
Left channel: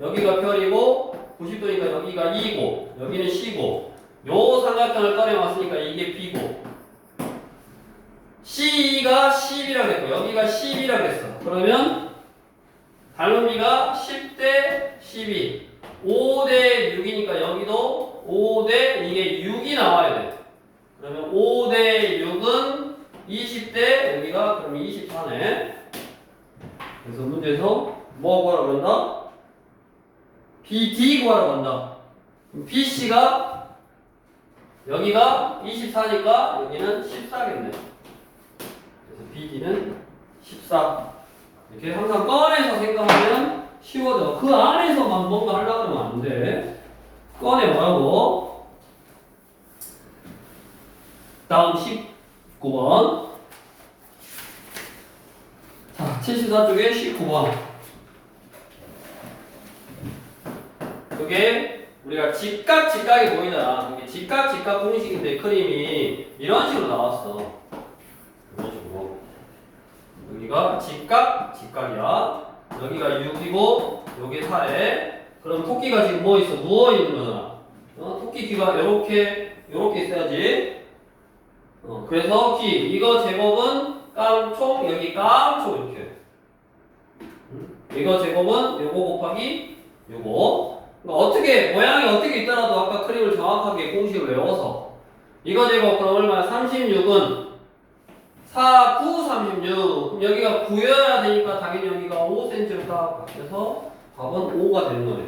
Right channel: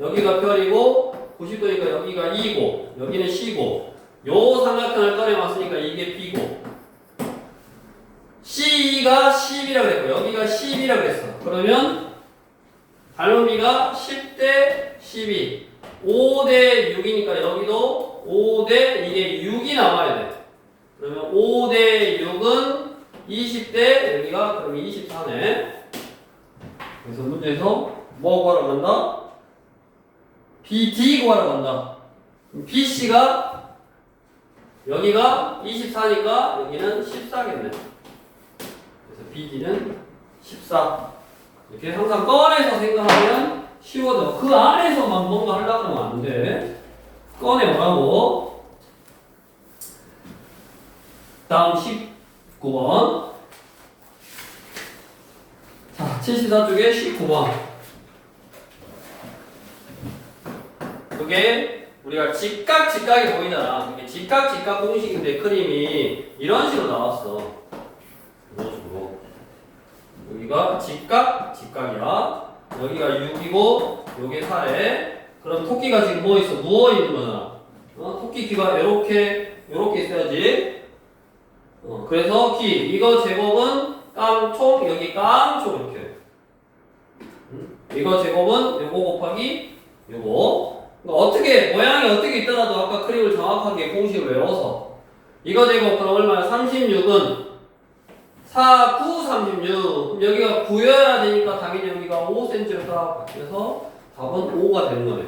여기가 별이고 90도니까 여기가 E고 여기는 C고 요 삼각형을 꺼내왔으니까 이게 B고 C가 10이라고 했고 여기가 10이라고 했어. 그러면 닮은비가 10대 12 5대 6이니까 여기도 5대 이게 6이 나와야 돼. 그러면 5대 6은 20대 여기가 그럼 24네. 그래서 문제에서 뭐 구하라고 한다? BD 구하라고 한다. BC가 여기가 24니까 여기는 14겠네. 그래서 BD는 14. 이렇게 항상 꺼내서 생각하면 쉬워져. 그 안에서만 뭔가 하려고 하면 안 돼. 꺼내보라고. 다음 19번. 자, 74쪽에 19번. 그게 우리가 직각이 보이잖아. 이게 직각 공식인데 그림이 이런 식으로 나왔어. 이런 식으로. 여기가 직각이야. 여기가 6이고 요게 4에. 그럼 토끼가 지금 뭐 있어? 누워 있는 거잖아. 토끼 귀가 요렇게 있어야지. 그래서 귀 이거 제곱은 깡총 여기 깡총 이렇게. 이거 제곱은 요거 곱하기 요거. 그러니까 어떻게 모양이 어떻게 있더라도 아까 그림을 정확하게 공식을 외워서 이거 제곱 그럼 얼마야? 36은 4, 9, 36. 그럼 여기가 9여야 되니까 당연히 여기가 5cm로 딱 그래서 답은 5가 되는 거네.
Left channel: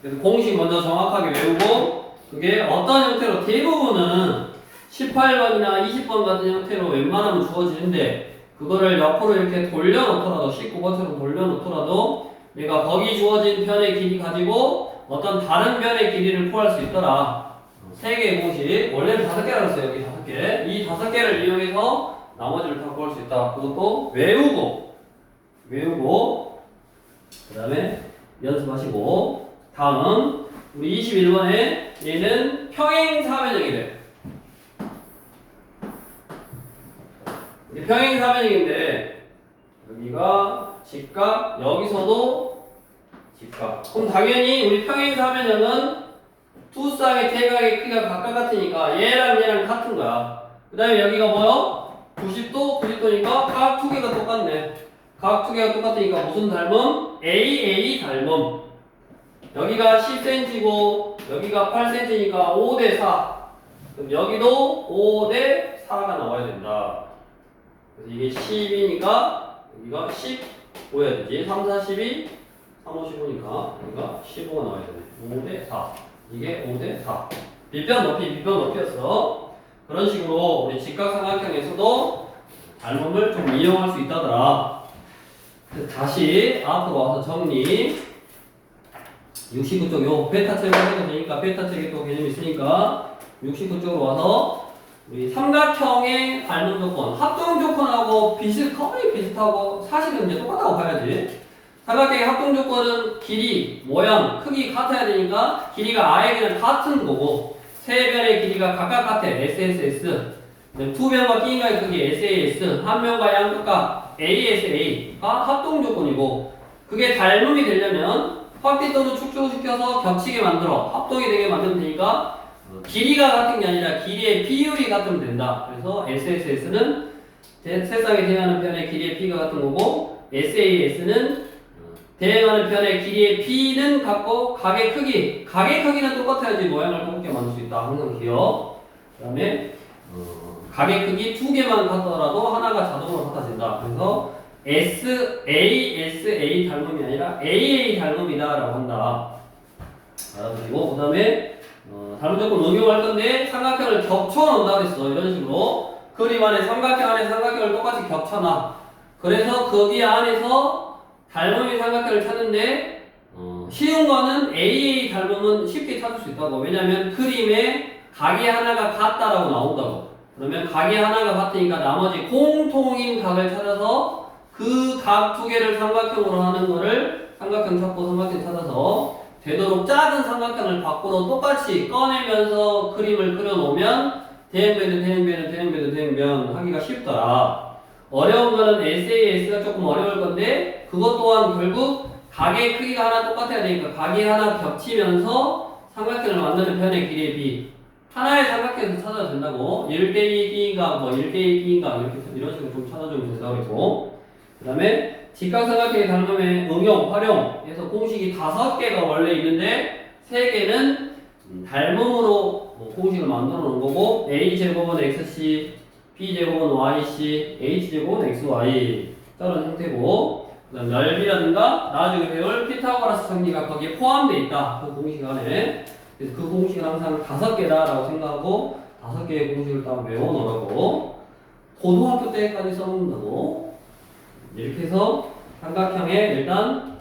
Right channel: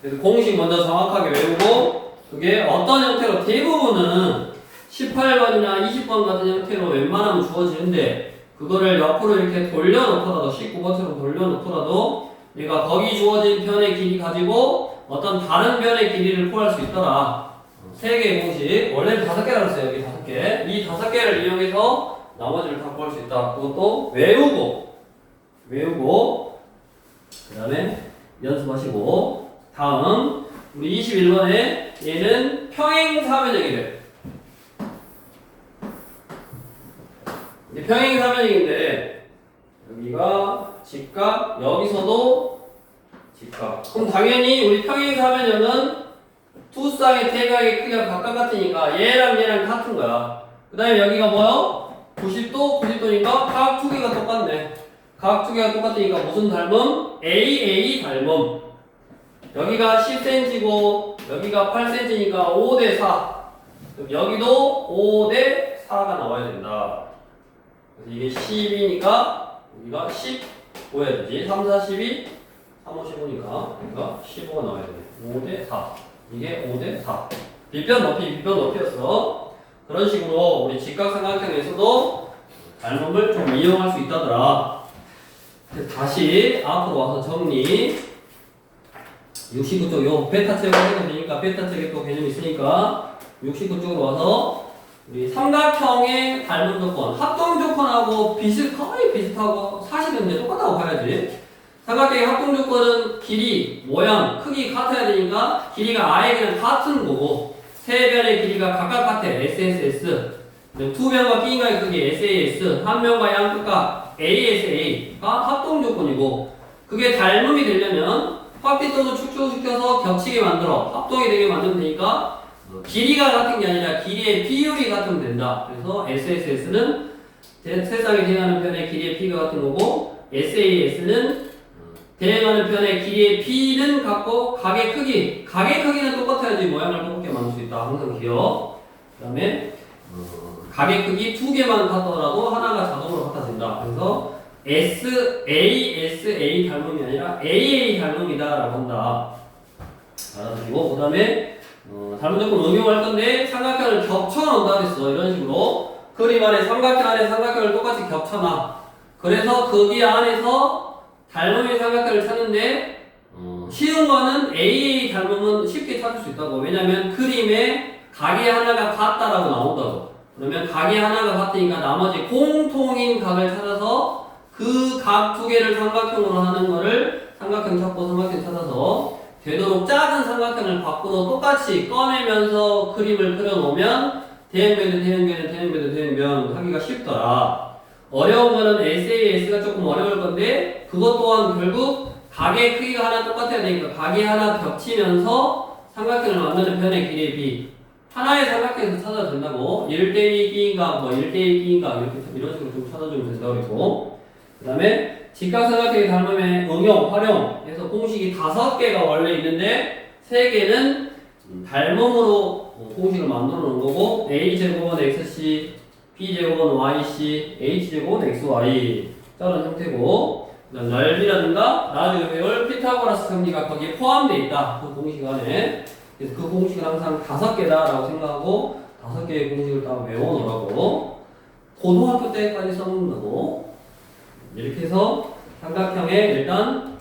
그래서 공식 먼저 정확하게 외우고 그게 어떤 형태로 대부분은 18번이나 20번 같은 형태로 웬만하면 주어지는데 그거를 옆으로 이렇게 돌려놓더라도 19번처럼 돌려놓더라도 내가 거기 주어진 편의 길이 가지고 어떤 다른 편의 길이를 구할 수 있더라. 3개의 공식 원래는 5개라고 했어요. 여기 5개. 이 5개를 이용해서 나머지를 다 구할 수 있다. 그것도 외우고 그 다음에 연습하시고 다음 우리 21번에 얘는 평행사변형이래. 평행사변형인데 여기가 직각 여기서도 직각. 그럼 당연히 우리 평행사변형은 두 쌍의 대각의 크기가 각각 같으니까 얘랑 같은 거야. 그 다음에 여기가 뭐야? 90도니까 각 두 개가 똑같네. 각 두 개가 똑같으니까 무슨 닮음? AA 닮음. 여기가 10cm고 여기가 8cm니까 5대 4. 그럼 여기도 5대 4가 나와야 된다. 그래서 이게 10이니까 여기가 15여야 되지. 3, 4, 12, 3, 5, 15니까 여기가 15가 나와야 되네. 5대 4. 이게 5대 4. 밑변 높이였어. 그런 식으로 우리 직각삼각형에서도 닮음을 좀 이용할 수 있다더라. 다시 앞으로 와서 정리. 69쪽 요 베타 책을 해도 되니까 베타 책에 또 개념이 있으니까 69쪽으로 와서 우리 삼각형의 닮음 조건, 합동 조건하고 거의 비슷하고 사실은 이제 똑같다고 봐야지. 삼각형의 합동 조건은 길이, 모양, 크기 같아야 되니까 길이가 아예 그냥 같은 거고 세 변의 길이가 각각 같아. SSS. 두 변과 끼인가의 크기 SAS. 한 변과 양극각 ASA가 합동 조건이고 그게 닮음이 되려면 확대도를 축소시켜서 겹치게 만들어 합동이 되게 만들면 되니까 길이가 같은 게 아니라 길이의 비율이 같으면 된다. 그래서 SSS는 세상에 대응하는 편의 길이의 P가 같은 거고 SAS는 대응하는 편의 길이의 P는 같고 각의 크기는 똑같아야지 모양을 똑같게 만들 수 있다. 항상 기억. 그 다음에 각의 크기 두 개만 같더라도 하나가 자동으로 같아진다. 그래서 SASA 닮음이 아니라 AA 닮음이다 라고 한다. 알아두시고 그 다음에 닮은 조건 응용할 건데 삼각형을 겹쳐놓는다 그랬어. 이런 식으로 그림 안에 삼각형 안에 삼각형을 똑같이 겹쳐놔. 그래서 거기 안에서 닮음의 삼각형을 찾는데 쉬운 거는 AA 닮음은 쉽게 찾을 수 있다고. 왜냐면 그림에 각이 하나가 같다라고 나온다고. 그러면 각이 하나가 같으니까 나머지 공통인 각을 찾아서 그 각 두 개를 삼각형으로 하는 거를 삼각형 찾고 삼각형 찾아서 되도록 작은 삼각형을 밖으로 똑같이 꺼내면서 그림을 그려놓으면 대형변은 하기가 쉽더라. 어려운 거는 SAS가 조금 어려울 건데 그것 또한 결국 각의 크기가 하나 똑같아야 되니까 각이 하나 겹치면서 삼각형을 만드는 변의 길이의 비 하나의 삼각형에서 찾아도 된다고 1대2 끼인가 뭐 1대2 끼인가 이렇게 이런 식으로 좀 찾아주면 된다고 했고 그 다음에 직각삼각형의 닮음의 응용, 활용해서 공식이 5개가 원래 있는데 3개는 닮음으로 공식을 만들어 놓은 거고 a제곱은 xc, b제곱은 yc, h제곱은 xy 저런 형태고 그다음 넓이라든가 나중에 배울 피타고라스 정리가 거기에 포함되어 있다. 그 공식 안에. 그래서 그 공식은 항상 5개다라고 생각하고 5개의 공식을 딱 외워놓으라고 고등학교 때까지 써놓는다고 이렇게 해서 삼각형의 일단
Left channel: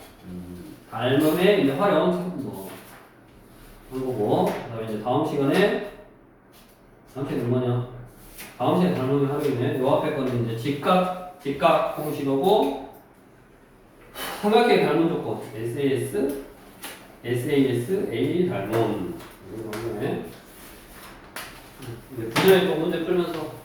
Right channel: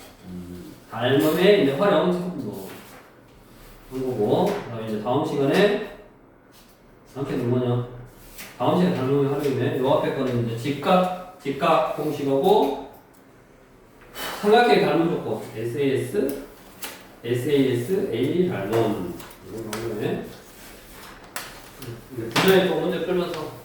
닮음의 이제 활용 뭐 그거고 그다음에 이제 다음 시간에 삼각형은 뭐냐? 다음 시간에 닮음의 활용이네. 요 앞에 거는 이제 직각 공식이고 삼각형의 닮음 조건 SAS, A 닮음 이런 거네. 분야에 또 문제 끌면서